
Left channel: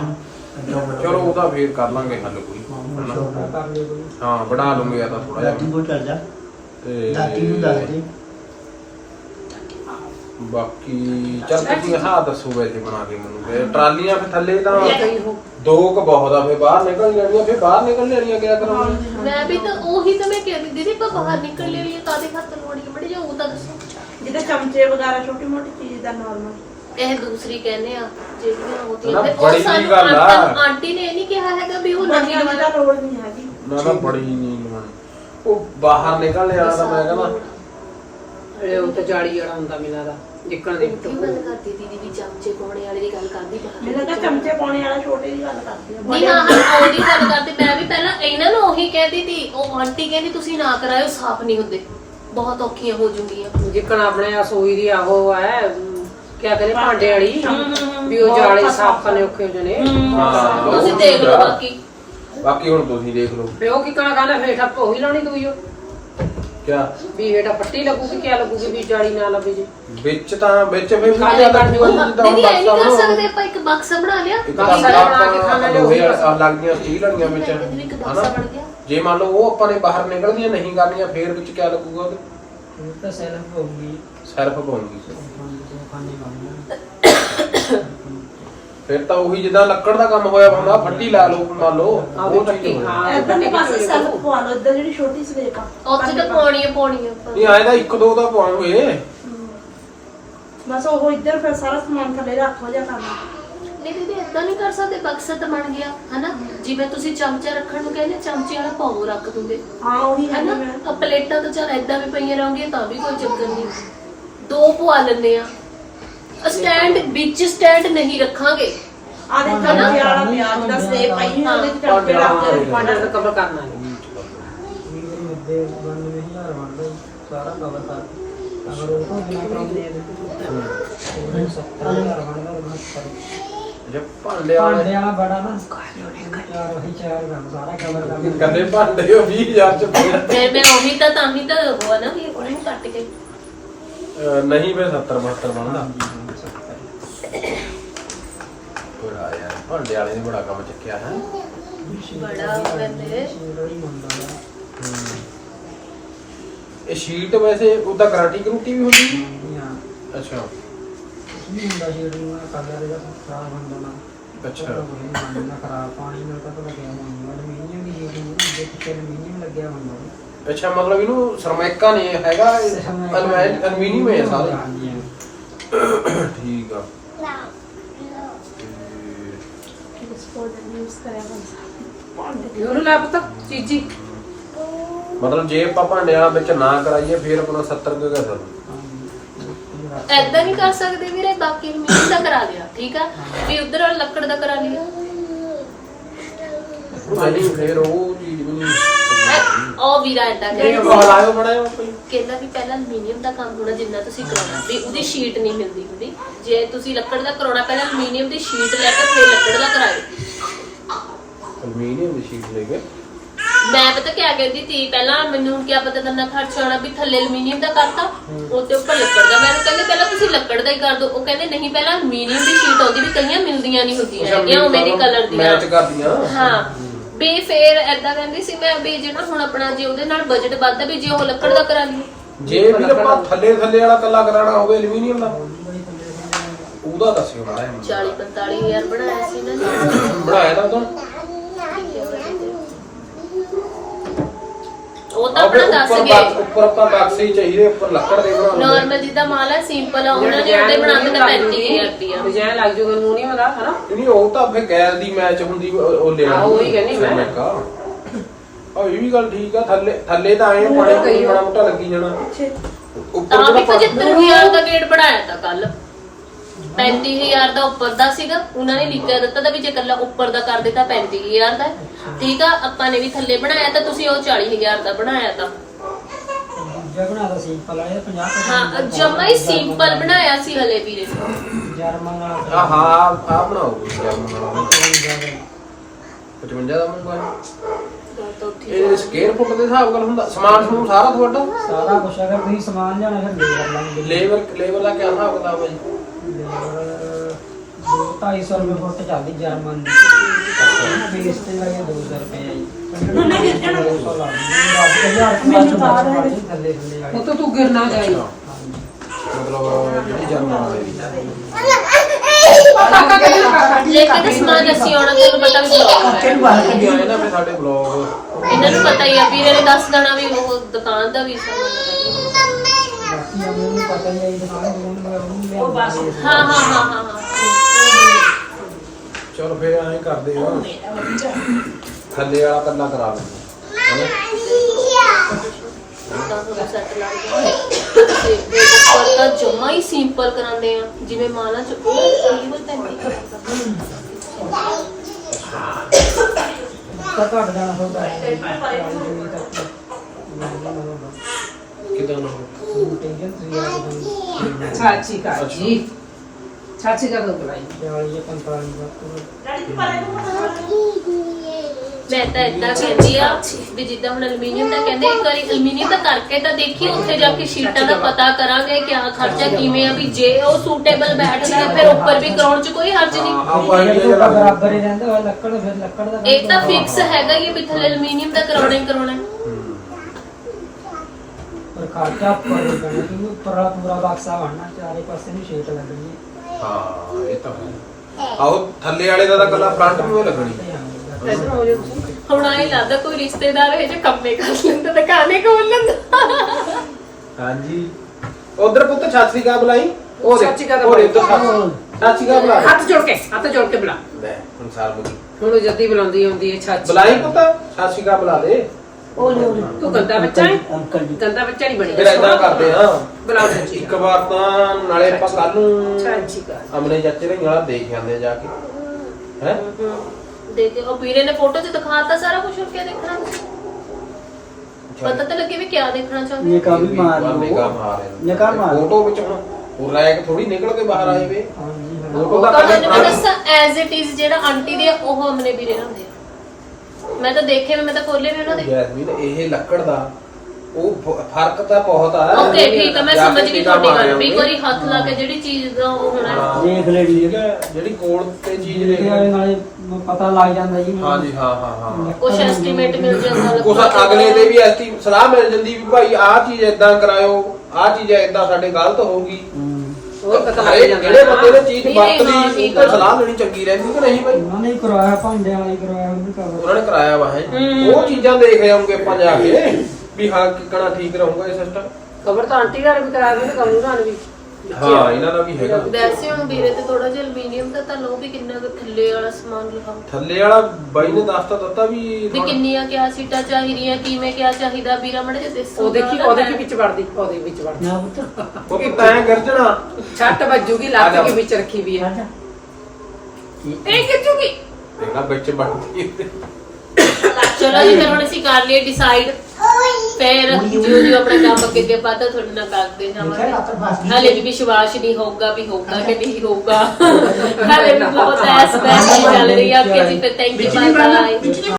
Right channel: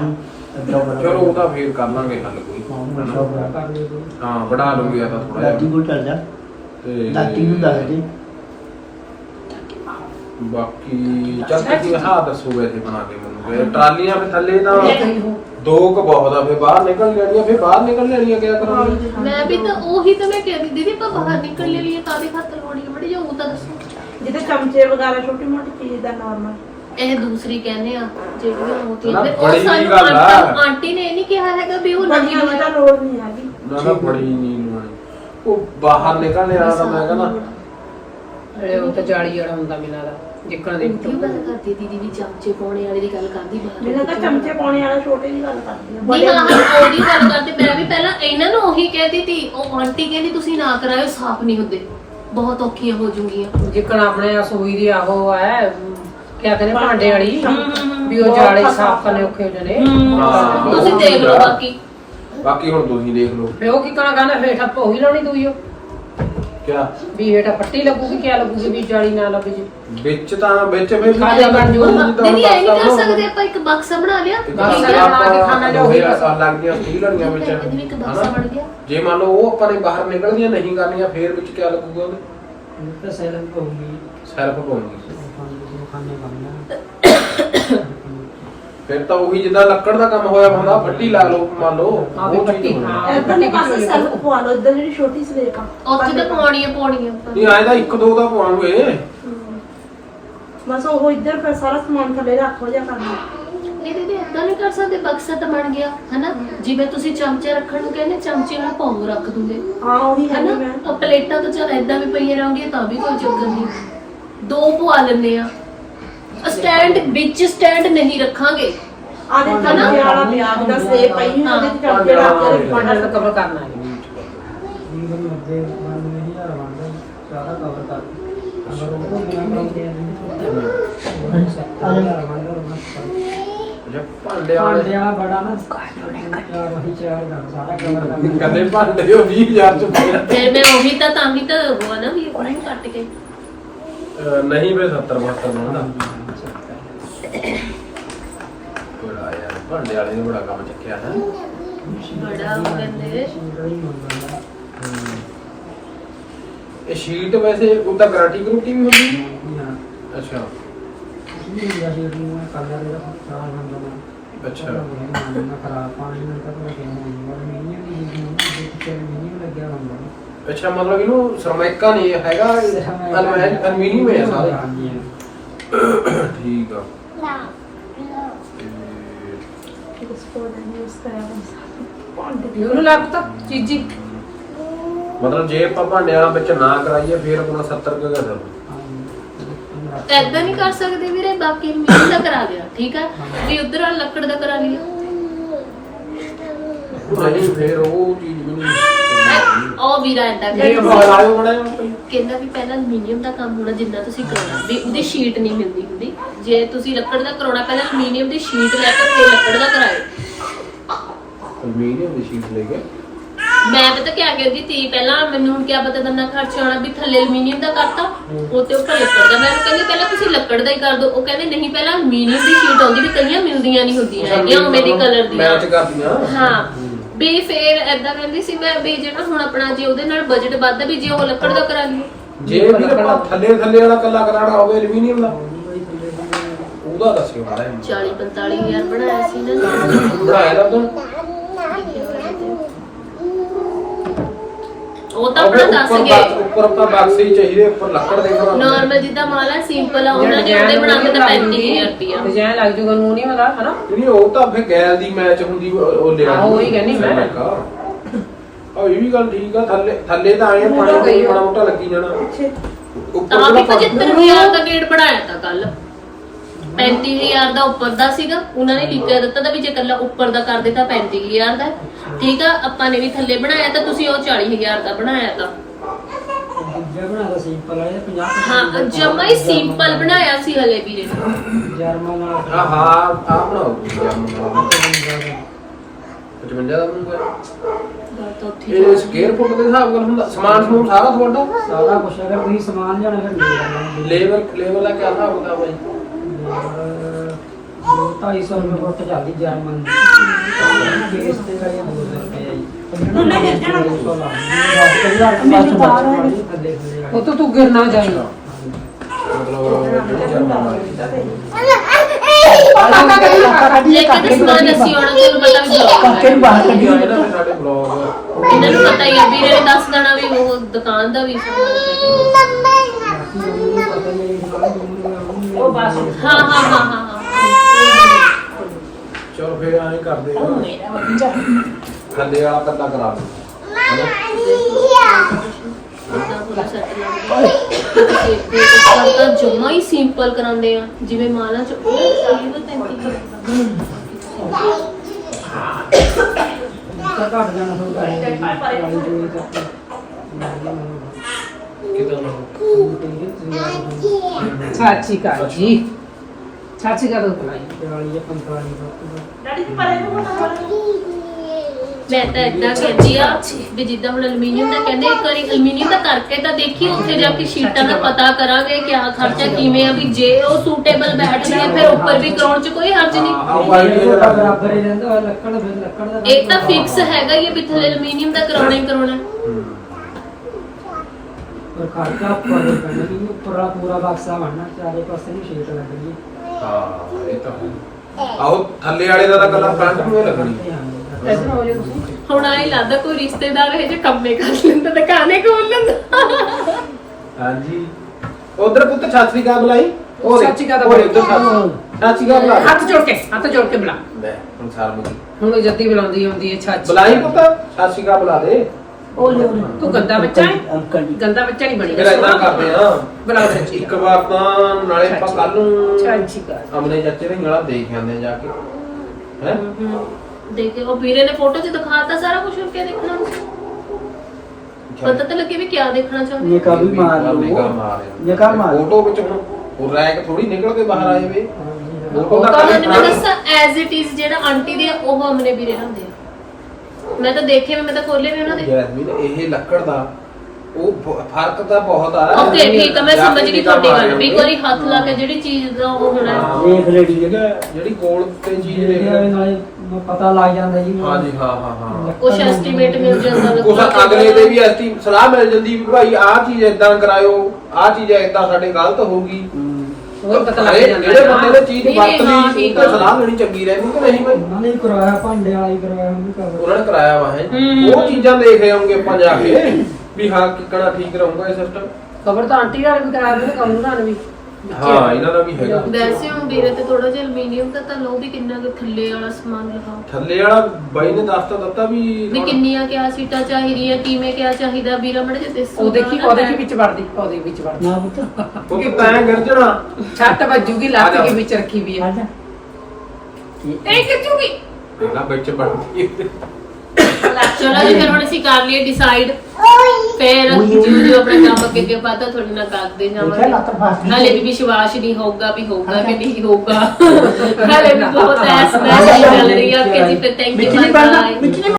ਅੱਡਾ ਚਲੋ ਉਹ ਤਾਂ ਫੇਰ ਕਰ ਲਾਂਗੇ ਹੱਲ ਕੋਈ ਹਨਾ? ਬੜਾ ਕਰ ਲਿਓ। ਹਾਂ ਬਣਾ ਲੂੰਗੇ ਆ ਤਾਂ ਥੋੜਾ ਦਾਦੀ ਕੋਲ ਚੱਲ ਜਾ ਤੇ ਦਾਦੀ ਨੂੰ ਦੱਸ ਦੇ ਬਾਕੀ ਚੱਲ ਤੁਸੀਂ ਹਾਂ ਦੱਸੋ ਵੈਸੇ ਬਣਾ ਕੇ ਮੈਨੂੰ। ਤੇ ਟਰਾਲੀਆਂ ਫੇ ਥੱਲੇ ਤਾਂ ਦੋ ਕ ਬਹੁਤ ਆ ਫੇ ਬਾਹਰ ਨਿਕਲ ਜਾਣੀਆਂ ਫੇ ਬਾਹਰ ਨਿਕਲ ਜਾਣੀਆਂ ਕਿਆ ਕਰਾਂਗੇ ਮੈਂ? ਵੀ ਤਾਂ ਉਹੀ ਤਾਂ ਮੈਂ ਕਹਿੰਦੀ ਦੀਦੀ ਆਪਾਂ ਬਾਹਰ ਨਿਕਲ ਲਈ ਕਾਦੇ ਖਾਤਰ ਹੋਣੀ ਮੜੀ ਜਾ ਉਹ ਤਾਂ ਦੱਸੋ। ਜਿਹਦੇ ਚਮਚੇ ਵਗੈਰਾ ਛੋਟੀ ਮੋਟੀ ਚੀਜ਼ ਦਾ ਨਾਰਮਲ ਇਹ ਦੂਸਰੀ ਕਹਿੰਦੇ ਆ ਜਿਹੜੀਆਂ ਹੋਤੀਆਂ ਨਾ, ਬੜੀ ਉਹ ਸਾਨੂੰ ਗੱਲ ਆ। ਆਂਟੀ- ਆਂਟੀ ਨੇ ਇਹ ਨਹੀਂ ਕਿਹਾ ਹੈਗਾ ਵੀ ਉਹ ਨਹੀਂ ਬੜੀਆਂ ਦੀ ਤਾਂ ਲੋੜ ਨਹੀਂ ਹੈਗੀ। ਨਾ ਨਾ ਬੜੀ ਨਹੀਂ ਲਵਾਣੀ ਉਹ ਬਾਹਰ ਨਿਕਲ ਲਿਆ ਤਾਂ ਮੈਂ ਕਹਿੰਦਾ ਇਹ ਉਹ ਤਾਂ ਜਾਲੀ ਵਾਲਾ ਹੁੰਦਾ ਬਿਨਾਂ ਦਾ ਜਿੱਕਣ ਦੇ। ਉਹਦੀ ਗੱਲ ਕਰਦੀ ਦੀਦੀ ਵੀ ਚਮਚੇ ਪਾਉਣੇ ਵਾਲੇ ਦੀ ਗੱਲ ਕਰਦੀ ਬਾਹਰ ਮੇਰੇ ਤਾਂ ਚਮਚੇ ਪਾਉਣੇ ਵਾਲਾ ਛੋਟੇ ਦੀ ਗੱਲ ਕਰਦੀ ਹਾਂ ਨਹੀਂ ਹਾਂ ਹਾਂ ਉਹਦੀ ਗੱਲ ਕਰਦੇ ਮੈਂ ਵੀ ਪਹਿਲਾਂ ਇਹਨਾਂ ਨੂੰ ਉਹੀ ਕਹਿੰਦੀ ਸੀ ਉਹ ਆਂਟੀ ਕਹਿੰਦੀ ਤੁਸੀਂ ਨਾ ਕਰਾਇਓ ਸਾਫ਼ ਨਹੀਂ ਹੁੰਦੇ। ਬਹੁਤ ਔਖੀਆਂ ਹੋ ਜੂਗੀਆਂ ਜਿੱਕਣ ਆਪਣੇ ਰਸੋਈ ਦੀ ਆਹੋ ਹੈ ਕਿਆ ਕਹਿੰਦੇ ਭਾਂਡੇ ਵਾਲੀ। ਵੀ ਉਹ ਜਾਲੇ ਸਾਫ਼ ਕਰਨੇ ਔਖੇ ਹੋ ਜਣੇ। ਹਾਂ। ਤੁਸੀਂ ਦੇਖ ਲਓ ਬਾਕੀ। ਬਾਕੀ ਹੁਣ ਤੁਸੀਂ ਦੇਖ ਲਓ। ਫੇ ਉਹ ਕੀ ਕਹਣਾ ਕਹਿੰਦਾ ਫੇਰ ਠੱਪ ਉਹੀ ਲਾਉਣੀ ਤੂੰ ਹੀ ਉਹ। ਕਿਆ? ਵੀ ਹੇਠਾਂ ਪੱਟੀ ਲੱਗੂਗੀ ਕਿਆ ਲੱਗੂਗੀ ਵੀ ਜਾਲੀ ਨਾ ਲੱਗੇ ਜੀ। ਵਿੱਚ ਤਾਂ ਵਿੱਚ ਫੇ ਖਾਣੇ ਬਣ ਜੂ। ਦੀਦੀ ਇਹ ਨਹੀਂ ਕਰ ਸਕਦੇ ਆਪਾਂ ਇੱਕ ਬਕਸਾ ਬਣਾ ਲਿਆ। ਬਕਸਾ ਬਣਾ ਕੇ ਖਾਣਾ ਜੋ ਉਹੀ ਬਸ। ਲੱਗਦੀਆਂ ਸਟੀਲ ਵਾਲੀਆਂ ਵਿੱਚ। ਇਹਦੇ ਵਿੱਚ ਬਕਸਾ ਹਨਾ? ਬਣ ਗਿਆ। ਜੇ ਮੰਨ ਲਓ ਉਹ ਆਪਾਂ ਨੇ ਬਾਹਰ ਨਿਕਲਦੀਆਂ ਨਹੀਂ ਕਰਨੀਆਂ ਫੇਰ ਵਿੱਚ ਕਿਆ ਲੱਗੂਗਾ ਇਹ ਤਾਂ ਸੈਲਨ ਹੋਊਗੀ। ਸੈਲਫ ਪਾਉਂਗੀ ਖਾਣੇ ਖਾਣੇ ਖਾਣੇ ਫਿਰ ਤਾਂ ਉਹੀ ਜਿੱਦਾਂ ਲੱਕੜ ਦਾ ਕੰਮ ਹੋਇਆ ਹੁੰਦਾ ਫੱਟੀ ਲਾ ਲਓ ਮੰਨ ਲਓ ਉਹ ਫੱਟੀ। ਹਾਂ। ਇੱਧਰਲੇ ਪਾਸੇ ਸੈਲਫ ਪਵਾ ਲਓ ਇੱਧਰ ਜਿਹੜੀ ਛੋਟੀ ਸਵੇਕ ਆ ਉੱਥੇ ਤਾਂ ਪਾਉਣੀਆਂ ਪਾਉਣੀਆਂ ਆਪਾਂ। ਨਹੀਂ ਆਏ ਤਾਂ ਇੱਕ ਦੋ ਦਾ ਪਾਉਣਗੇ ਬਸ ਉਹ ਇੱਧਰ ਫਿਰ ਸਾਰਾ ਸਮਾਨ ਥੱਲੇ ਰੱਖ ਹੋ ਜਾ ਕਰਨਾ ਨਹੀਂ ਦੀਦੀ ਏਦਾਂ ਨਹੀਂ ਕਰ ਸਕਦੇ ਬਕਸਾ ਤਾਂ ਬਣ ਗਿਆ ਹਨਾ? ਜਿਵੇਂ ਤੁਸੀਂ ਚਮਚੇ ਰੱਖਣ ਨੂੰ ਕਹਿੰਦੇ ਚਮਚੇ ਵਾਲਾ ਪਾਉ ਰੱਖ ਦੂੰਗੇ। ਹਾਂ ਉਹੀ ਹੈ ਆ ਪਲੇਟਾਂ ਤਾਂ ਚੱਲ ਏਦਾਂ ਵੀ ਪਈਆਂ ਰਹਿਣਗੀਆਂ ਤਾਂ ਵੀ ਕੋਈ ਚੱਕਰ ਨਹੀਂ। ਦੋ ਪਵਾ ਲੈਂਦੇ ਆ ਸਟੈਂਡ ਵਿੱਚ ਸਟੈਂਡ ਨਹੀਂ ਰੱਖਾਂਗੇ। ਆਦੇ ਤੜਕੇ ਵਾਲਾ ਪਿਆਜ਼ ਦਾ ਸੇ ਪਈ ਹੈ ਉਹਦੇ ਚ ਤੜਕੇ ਰੱਖ ਕੇ ਦਾ ਕਵਰ ਕਰਨਾ ਹੈ। ਵੀਹ ਵਾਰੀ ਅੱਧੇ 92000 ਬਣਦਾ ਜੀ ਸਾਰਾ ਕਵਰ ਕਰ ਅਗਰ ਉਹ ਤੋਂ ਬਿਨਾਂ ਕਰਾਉਂਦੇ ਆ ਜੀ 70000 ਬਣਦਾ ਉਹਨਾਂ ਦਾ ਜੇ ਭਾਂਡੇ ਵਾਲੇ ਭਾਂਡੇ ਵਾਲਾ ਬੜਾ ਨਾ। ਚਾਰ ਉਹੀ ਚਾਰ ਕਰ ਸਾਰਾ ਕਵਰ ਕਰ ਕਦੇ ਭਾਂਡੇ ਉਹ 20000 ਚ ਪਏ। ਫਿਰ ਮੈਂ ਉਹੀ ਤਾਂ ਤਾਂ ਹੀ ਤਾਂ ਹੋਆ ਨਾ ਵੀ ਉਹਨੂੰ ਕੱਟ ਕੇ। ਅਹ ਨਹੀਂ ਵੇ 70 72 ਬਣਦਾ। ਬੜਾ ਯਾਰ ਭਾਂਡੇ ਵਾਲੇ ਨੇ ਬੜਾ ਕੰਮ ਚੱਕਿਆ ਹੈ। ਬੜਾ ਉਹ ਕਹਿੰਦੇ। ਇਹ ਸ਼ੀਟ ਵੈਸੇ ਉਹਦਾ ਗਾਰੰਟੀ ਗਰੂਟੀ ਵੀ ਹੁੰਦੀ ਅੱਛਾ। ਅੱਛਾ। ਅੱਛਾ ਮਤਲਬ ਇਹਨੂੰ ਸਰਮੈਕਾ ਨਹੀਂ ਹੈਗਾ ਅਲਮੈਨ ਅਲਮੀਨੀਅਮ ਹੈ ਸਾਰਾ। ਠੀਕ ਆ ਤੇ ਯੂਜ਼ ਕਰਿਆ ਬੰਦਾ ਉਹਨੂੰ ਲੈ ਪਤਾ ਚੀਜੀ। ਮਤਲਬ ਜੇ ਆਪਾਂ ਭਾਂਡੇ ਵਾਲਾ ਵਿੱਚ ਨਾ ਕਰਾਈਏ ਫਿਰ ਆਪਣਾ 70 ਕੁ ਕਰ ਐਦਾਂ ਨਹੀਂ ਕਰ ਸਕਦੇ ਵੀਰੇ ਬਾਕੀ ਅਲਮੀਨੀਅਮ ਦਾ ਕਰਾ ਲਿਆ ਠੀਕ ਆ? ਵੀ ਉਧਰ ਲੱਕੜ ਦਾ ਕਰਾ ਲਿਆ ਨਹੀਂ ਫਿਰ ਉਹ ਚੀਜ਼ ਵੀ ਨਹੀਂ ਉਹ ਵੀਰਾ ਐਦਾਂ। ਕਹਿੰਦਾ ਵੀ ਪਹਿਲਾਂ ਅਲਮੀਨੀਅਮ ਦਾ ਕੰਮ ਹੋਣਾ ਜਿੰਨਾ ਤੁਸੀਂ ਕਰਾਉਣਾ ਵੀ ਉਹਦੀ ਸ਼ੀਟ ਨਹੀਂ ਮਿਲਦੀ ਹੁੰਦੀ। ਜੇ ਤੁਸੀਂ ਲੱਕੜ ਦਾ ਕਰਾਉਣਾ ਪਹਿਲਾਂ ਅਲਮੀਨੀਅਮ ਦੀ ਸ਼ੀਟ ਲੈ ਕੇ ਫਿਰ ਲੱਕੜ ਦਾ ਕਰਾਇਓ। ਅਲਮੀਨੀਅਮ ਦੀ ਸ਼ੀਟ ਲੈ ਕੇ। ਮੈਂ ਪਤਾ ਕਿਆ ਕਹਿੰਦੀ ਤੀ ਪਹਿਲਾਂ ਮੈਨੂੰ ਹੁਣ ਕਿਆ ਪਤਾ ਦੰਨਾ ਖਰਚ ਆਉਣਾ ਵੀ ਥੱਲੇ ਅਲਮੀਨੀਅਮ ਦਾ ਕਰਤਾ ਉਹ ਤੇ ਉੱਪਰ ਲੱਕੜ ਦਾ। ਮੈਂ ਉਹਨੂੰ ਕਹਿੰਦੀ ਪਹਿਲਾਂ ਤੁਸੀਂ ਲੱਕੜ ਦਾ ਹੀ ਕਰ ਦਿਓ। ਉਹ ਕਹਿੰਦੇ ਨਹੀਂ ਪਹਿਲਾਂ ਅਲਮੀਨੀਅਮ ਦੀ ਸ਼ੀਟ ਆਉਂਦੀ ਵੀ ਕਈਆਂ ਮਿਲਦੀਆਂ ਨਹੀਂ ਹੁੰਦੀਆਂ ਹੈਗੀਆਂ ਉਵੇਂ ਦੀ ਕਲਰ ਦੀਆਂ। ਮੈਚ ਕਰਦੀਆਂ। ਹਾਂ। ਵੀ ਫੇਰ ਐਦਾਂ ਕਹਿੰਦੀ ਸੀ ਮੈਂ ਵੀ ਜਿਹੜਾ ਹੁਣ ਆਪਣਾ ਜੇ ਉਹਦੇ ਨਾਲ ਬਜਟ ਵੱਧਦਾ ਵੀ ਜੇ ਉਹ ਲੱਕੜ ਦਾ ਕਰਾ ਲਈਏ ਜੇ ਵੀ ਆਪਾਂ ਥੱਲੇ ਥੱਲੇ ਵਾਲਾ ਕੱਲਾ ਕਰਾਣਾ ਹੋਵੇ ਐਲੂਮੀਨੀਅਮ ਦਾ। ਉਹਦਾ ਦੱਸਿਓ ਮਾੜਾ ਜਿਹਾ 40 45000 ਬਣਾਇਆ ਸੀ ਇਹਨਾਂ ਨੇ। ਬਣਾਇਆ ਤੂੰ ਲਿਖਿਆ ਹੋਇਆ ਤੇ। ਉਹ ਤਾਂ ਆਪਣਾ ਦੱਸ ਉੱਪਰ ਗਏ। ਉੱਪਰ ਆਪਾਂ ਬਾਕਸ ਹੀ ਚਾਹੀਦੇ ਉੱਪਰ ਲੱਕੜ ਦੇ ਬਣਾਉਣੇ ਨਾਰਮਲ ਜਿੱਦਾਂ ਮਾਲ ਹੈ ਸਿੰਪਲ ਆ ਉਹਨਾਂ ਨੇ ਉਹਦੇ ਬਣਾਉਂਦੇ ਤਾਂ 35000 ਰੁਪਇਆ ਡਿਜ਼ਾਈਨ ਲੱਗ ਜੂਗਾ ਅਲਮੂਨੀਅਮ ਦਾ ਹਨਾ? ਨਹੀਂ ਉਹ ਤਾਂ ਫਿਰ ਗੈਲ ਦੀ ਮੈਚ ਹੁੰਦੀ ਉਹ ਉਹ ਲਿਆ ਆਹੋ, ਉਹੀ ਕਹਿੰਦੀ ਮੈਂ। ਆ ਇਹ ਵੀ ਗੱਲ ਠੀਕ ਆ ਥੱਲੇ ਥੱਲੇ ਤਾਂ ਆਏ ਆ, ਪਾਣੀ ਕੋਈ ਬੜਾ ਮੋਟਾ ਲੱਗੀ ਜਾਣਾ। ਉੱਪਰ ਤਾਂ ਵੀ ਜਿਹੜਾ 75000 ਦਾ ਗੇਟ ਬਣਾਇਆ ਤਾਂ ਕੱਲ 35000 ਦਾ ਉੱਪਰ ਦਾ ਸੀਗਾ ਉਹਨਾਂ ਨੇ ਲਿਖਿਆ ਦਿੱਤਾ ਤਾਂ ਵੀ ਜੇ ਕੱਲਾ ਉੱਪਰ ਦਾ ਕਰ ਦਿੱਤਾ 35000 ਦਾ। ਠੀਕ ਆ ਆਪਾਂ ਨੇ ਵੀ ਥੱਲੇ ਬਣਾਇਆ ਤਾਂ ਤੁਸੀਂ ਉਹ 40000 ਦਾ ਬਣਾਇਆ ਤਾਂ। ਦੂਜਾ ਬਣਾਦਾ ਸਿੰਪਲ ਆ ਇਹ 50 ਹਾਂ ਜਮਾ ਹੀ ਸਿੰਪਲ ਬਣਾਇਆ ਸੀ ਹਲੇ ਵੀਰੇ। ਜਰਮਨ ਵਾਲਾ ਆ ਹਾਂ ਆ ਬਣਾਓ ਜਾਮਨ 55 ਦਾ। ਬਣੂਗਾ ਗੱਲ ਤਾਂ ਉੱਥੇ ਇਹ ਸਕੁਅਰ ਫੁੱਟ ਦੇ ਹਿਸਾਬ ਨਾਲ ਹੁੰਦਾ ਸਮਾਨ ਸਮੂਨ ਸਾਰਾ ਤੁਹਾਡਾ? ਸਾਰਾ ਕੁਛ ਅਗਰ ਤੁਸੀਂ ਸਮਾਨ ਜਾਣਾ ਫਿਰ ਲੈ ਲਾਂਗੇ ਲੇਬਰ ਲੇਬਰ ਦਾ ਕਿਆ ਹਿਸਾਬ ਕਿਤਾਬ ਹੈ ਜੀ? ਢਾਈ ਸੌ ਰੁਪਏ ਫੁੱਟ ਚੱਲਦੀ ਜਰਮਨ ਦੀ। ਤੇ ਵਾਲੀ 200 ਰੁਪਏ ਆ ਜੀ। ਪੰਜਣਾ ਨੇ। 200 ਲਾ ਕਰੀ ਹੱਥ ਬਾਤ ਬਾਤ ਥੱਲੇ ਥੱਲੇ ਉਹ ਤੋਂ ਤੂੰ ਗਿਰ ਨਾ ਜਾਈ। ਮਤਲਬ ਜਰਮਨ ਵਾਲੀ ਲੈ ਕੇ ਤਾਂ ਸਮਾਨ ਅਸੀਂ ਆਉਣਾ ਤੁਹਾਨੂੰ ਪਤਾ ਵੀ ਬਲੌਗ ਹੈ ਬਾਹਰ ਆਏ ਨਾ ਫਿਰ ਸਾਡੇ ਬਲੌਗ ਇਹਨਾਂ ਨੂੰ ਪਤਾ ਹੀ ਆ ਵੀਰੇ ਨੇ ਦੱਸ ਦੇਣਾ ਵੀ ਉਹ ਦੁਕਾਨ ਦਾ ਵੀ ਸਾਨੂੰ ਉਹ ਬਸ ਹਾਂ ਹਾਂ ਹਾਂ ਹਾਂ ਹਾਂ ਫਿਰ ਐਂ ਕਰਦੇ ਆ। ਥੱਲੇ ਵਾਲਾ ਕੱਲਾ ਕਰਾ ਲਓ ਹੈਨਾ ਤਾਂ ਜਮਾ ਹੀ। ਸਿੰਪਲ ਕਰਾਉਂਦੇ ਆ ਜਿਵੇਂ ਮਾਲਾ ਚ ਉਹ ਸਿੰਪਲ ਪੈਂਤੀ ਤਾਂ ਘੱਟ ਜਾਣਾ ਹੋਊਗਾ ਕਾ ਕਾ ਚਾਲੀ 45 ਤੱਕ ਡੈਡੀ ਜੀ ਪਰੇ ਨੂੰ ਮੈਂ ਤਾਂ ਇਦਾਂ ਕਹਿੰਦੀ ਆ ਵੀ ਜਿੱਦਾਂ ਹੁਣ ਅਲਮੀਨੀਅਮ ਦਾ ਕਹਿੰਦੇ ਇੱਕ ਵਾਰੀ ਅਲਮੀਨੀਅਮ ਦਾ ਕਰਕੇ ਤਾਂ ਦੇਖੀ ਉੱਥੇ ਜਾ ਕੇ ਸ਼ੀਟਾਂ ਦਾ ਪਤਾ ਕਰਾਂਗੇ ਕਿਆ ਖਰਚਾ ਕਿਵੇਂ ਆ ਵੀ ਜੇ ਉਹ ਸੂਟੇਬਲ ਬੈਠਦੀ ਹੈ ਫਿਰ ਉੱਪਰ ਵੀ ਕਰਾਉਣ ਚ ਕੋਈ ਹਰਜ ਨਹੀਂ। ਬਰਾਬਰ ਹੀ ਰਹਿੰਦਾ ਹੋਇਆ ਲੱਕੜ ਫਿਰ ਲੱਕੜ ਦਾ ਇਹ ਤਾਂ ਫਿਕਸ ਹੈਗਾ ਹੀ ਆ ਵੀ ਥੱਲੇ ਅਲਮੀਨੀਅਮ ਦਾ ਕਰਾਉਣਾ ਹੀ ਕਰਾਉਣਾ। ਹੈ। ਖਰਚਾ ਉੱਪਰ ਦੇ ਪੈਣਾ ਕਿਉਂਕਿ ਉੱਪਰ ਪੂਰਾ ਬਕਸਾ ਬਣਨਾ ਚਾਰੇ ਪਾਸੇ ਨੂੰ ਸ਼ੇਕ ਲੱਗਣੀ ਹੈ। ਹਾਂ ਇਹ ਤਾਂ ਹੈ। ਆਹੋ ਥੱਲੇ ਵਾਲੇ ਦਾ ਤਾਂ ਕੱਲਾ ਫਰੰਟ ਨੂੰ ਹੀ ਲੱਗਣੀ। ਇੱਧਰ ਹੋ ਜਾਓ ਤੁਸੀਂ। ਹੁਣ ਆਏ ਲੱਗਦਾ ਕੋਈ ਰਿਸ਼ਤੇਦਾਰ ਇਹ ਜੇ ਕੰਮੇ ਕਰ ਲੈਂਦਾ ਦੁਕਾਨੇ ਖੋਲ ਲੈਂਦਾ। ਹਾਂਜੀ। ਉਧਰ ਪੁੱਤ ਸਤਿ ਸ੍ਰੀ ਅਕਾਲ ਬੁਲਾਈ। ਉਹ ਸਤਿ ਸ੍ਰੀ ਅਕਾਲ ਉਹ ਉਧਰ ਸਤਿ ਸ੍ਰੀ ਅਕਾਲ ਬੁਲਾ। ਹੱਥ ਜੋੜ ਕੇ ਹੱਥ ਜੋੜ ਕੇ ਬੁਲਾ। ਲੈ ਹੁਣ ਸਾਰ ਮੁਕੀ ਹੁਣ ਜੱਦੀ ਬੁਲਾਉਂਦੀ ਆਉਂਦੀ ਹੈ ਬੁਲਾਈ ਪੁੱਤ ਸਤਿ ਸ੍ਰੀ ਅਕਾਲ ਬੁਲਾ ਦੇ। ਤੂੰ ਗੰਦਾ ਬੱਚਾ ਹੈ? ਅੰਕਲ ਜੀ। ਗੰਦਾ ਬੱਚਾ ਨਹੀਂ ਫਿਰ ਏਦਾਂ ਬਣੇਗਾ ਕਰਦੇ ਆ। ਬੁਲਾਓ ਚਾਚੀ ਇੱਕ ਵਾਰ ਤਾਂ ਨਾਲੇ ਆਪਾਂ ਕੱਲ ਨੂੰ ਚਾਚੀ ਕਾ ਅਮਨੇ ਚਾਚੇ ਦੇ ਨਾਲ ਦੇਖ ਆਉਂਦੇ ਆ ਜਾ ਕੇ। ਹੈ? ਦੇਖੇ ਉਹ ਵੀਰੇ ਨੇ ਫੋਟੋ 'ਚ ਦਿਖਾਤਾ ਸਾਰਾ ਕੁਝ ਹੋਰ ਕਿਆ ਦੇਖਣਾ ਪਤਾ ਤਾਂ ਲੱਗੇ ਵੀ ਕਿਆ ਦੇਖਣਾ ਚਾਹੁੰਦੇ ਇਹ ਕਾਬੀ ਮਾਰ ਨਿਗਾਹ ਲਓ ਮਾਰ ਨਿਗਾਹ ਮਾਰ। ਫੋਟੋ ਵਿੱਚ ਹੁਣ ਉਹ ਰੈਕ ਥੋੜੀ ਨਿਕਲ ਕੇ ਬਾਹਰ ਆਏ ਵੇ। ਫੋਟੋ ਤਾਂ ਤਾਂ ਉਹਨੇ ਮੈਂ ਦੱਸਾਂ ਐਜ਼ ਇਟ ਇਜ਼ ਜਿਹੜਾ ਆਂਟੀ ਦੇ ਆ, ਉਹ ਅਮਨੇ ਵੀਰੇ ਨਾਲ ਹੁੰਦੇ ਆ। ਮੈਂ ਤਾਂ ਦੇਖੇ ਵੀ ਮੈਂ ਤਾਂ ਖੋਲੇ ਵੀ ਉਹਨਾਂ ਦੇ ਜੈਸਮੀਨ ਇਹ ਲੱਕੜ ਦਾ ਉਹ ਬ- ਫ਼ਰਕ ਤਾਂ ਬਹੁਤ ਆ। ਓਕੇ ਠੀਕ ਆ ਮੈਂ ਸਮਝ ਗਈ ਨਿਗਾਹ ਤੁਹਾਡੀ ਗੱਲ। ਮਾਰਿਓ ਵੀ ਇੱਕ ਵਾਰੀ ਹੱਥ ਲਾ ਕੇ ਜਿਹੜੀ ਚੀਜ਼ ਦਾ ਉਹ ਹੋਣਾ ਹੈ। ਦੇਖ ਲੈਣੀ ਠੀਕ ਹੈ ਜਿਹੜੀ ਕੋਲ ਤੇ ਚੀਜ਼ ਜਿਹੜੇ ਲੈ ਆਵੇ ਨਾਲੇ ਪਤਾ ਲੱਗ ਜਾਂਦਾ ਜੀ। ਹਾਂ ਜੀ ਹਾਂ ਹਾਂ ਹਾਂ। ਕੁਛ ਐਸਟੀਮੇਟ ਮਿਲ ਜਾਂਦਾ ਉਸ ਅਗਲੇ ਦੇ ਵੀ ਐਸੀ ਸਲਾਹ ਮਿਲ ਜਾਂਦੀ ਵੀ ਭਾਈ ਆਹ ਚੀਜ਼ ਇਦਾਂ ਕਰਾਇਓ ਆਹ ਚੀਜ਼ ਇਦਾਂ ਸਾਡੇ ਗਲਤ ਹੋਊਗੀ। ਉਹ ਪਤਾ ਲੱਗ ਹਰੇਕ ਜਾਂਦਾ ਜਿਹੜੇ ਬੰਦੇ ਨੇ ਚੀਜ਼ ਨਹੀਂ, ਨਹੀਂ, ਹਾਂ, ਵਰਤ ਲਈ ਠੀਕ ਉਹ ਆ। ਸਲਾਹ ਲੈਣੀ ਚੰਗੀ ਰਹਿੰਦੀ ਕਿ ਨਹੀਂ ਭਾਈ ਉਹਨਾਂ ਨੇ ਹੀ ਕਰਾਇਆ ਭਾਂਡਿਆਂ ਵਾਲੀ ਕਰਾਇਆ ਉਹਨੇ ਕਰ ਉਹਨਾਂ ਨੇ ਕਰਾਇਆ ਵਾ ਹੈ ਹੂੰ। ਉਹ ਚੀਜ਼ਾਂ ਦੇਖ ਆਪਾਂ ਜਾ ਕੇ ਵੀ ਹਾਂ ਕਿਕਣਾ ਠੀਕ ਰਹੂਗਾ ਇਹ ਸਿਸਟਮ ਕਬਰ ਤਾਂ ਆਂਟੀ ਘਰ ਵੀ ਕਰਾਇਆ ਵੀ ਕਮਰੂ ਨਾਲ ਵੀ ਹਾਂ ਇਹਨਾਂ ਦਾ ਵੀ ਹੈਗਾ। ਵੈਸੇ ਹੁਣ ਵੀਰੇ ਤੇ ਥੋੜਾ ਜਿਹਾ ਐਲੂਮੀਨੀਅਮ ਦਾ ਤਾਂ ਲੋ ਵੀ ਕਿੰਨਾ ਕੁ ਥੱਲੇ ਵਾਲਾ ਸਮਾਨ ਲਗਾਓ ਥੱਲੇ ਵਾਲਾ ਬਾਈ ਨੇ ਦੱਸ ਤਾਂ ਦਿੱਤਾ ਵੀ ਵੀ ਕਿੰਨੀਆਂ ਕਿਆ ਸੀਟਾਂ ਚਾਹੀਦੀਆਂ ਕਿਵੇਂ ਕਿਆ ਚਾਹੀਦਾ? ਵੀਰਾ ਮੜ ਜੇ ਦੱਸੋ ਉਹ ਦੇਖੀ ਉਹਦੇ ਕੀ ਵਿੱਚ ਵੜਦੀ ਉਹਦੇ ਵਿੱਚ ਵੜਦੀ। ਨਾ ਪੁੱਤ। ਕਿਉਂਕਿ ਤੈਂ ਗਿਰ ਜਾਣਾ ਛੱਟ ਵੱਜੂਗੀ ਲੱਤ ਕੇ ਵਿੱਚ ਰੱਖੀ ਵੀ ਆ। ਹੈ ਜਾ। ਇਹ ਕਿੱਥੋਂ ਦੇਖਣਾ ਵਿੱਚ ਬਣਦੀ ਚਲੋ ਜੀ ਫਿਰ ਹੁਣ ਅਸੀਂ ਕਰ ਲਈਏ ਡਿਸਾਈਡ ਫਿਰ ਜਿਉਂ ਜਿਉਂ ਆਪਣਾ ਕੰਮ ਅੱਗੇ ਅੱਗੇ ਪਤਾ ਤੁਹਾਡੇ ਨਾਲ ਕਰਦੇ ਜਾਵਾਂਗੇ। ਹਾਲੇ ਵੀ ਵਿਸ਼ਵਾਸ ਨਹੀਂ ਹੋਊਗਾ ਵੀ ਹੋਊਗਾ ਕਿ ਨਹੀਂ ਹੋਊਗਾ। ਹਾਲੇ ਵੀ ਬਹੁਤ ਐਸ ਬੈਸ ਚੱਲ ਰਹੀ ਹੈ ਓਕੇ ਜੀ ਫਿਰ ਥੈਂਕ ਯੂ ਬਾਏ ਬਾਏ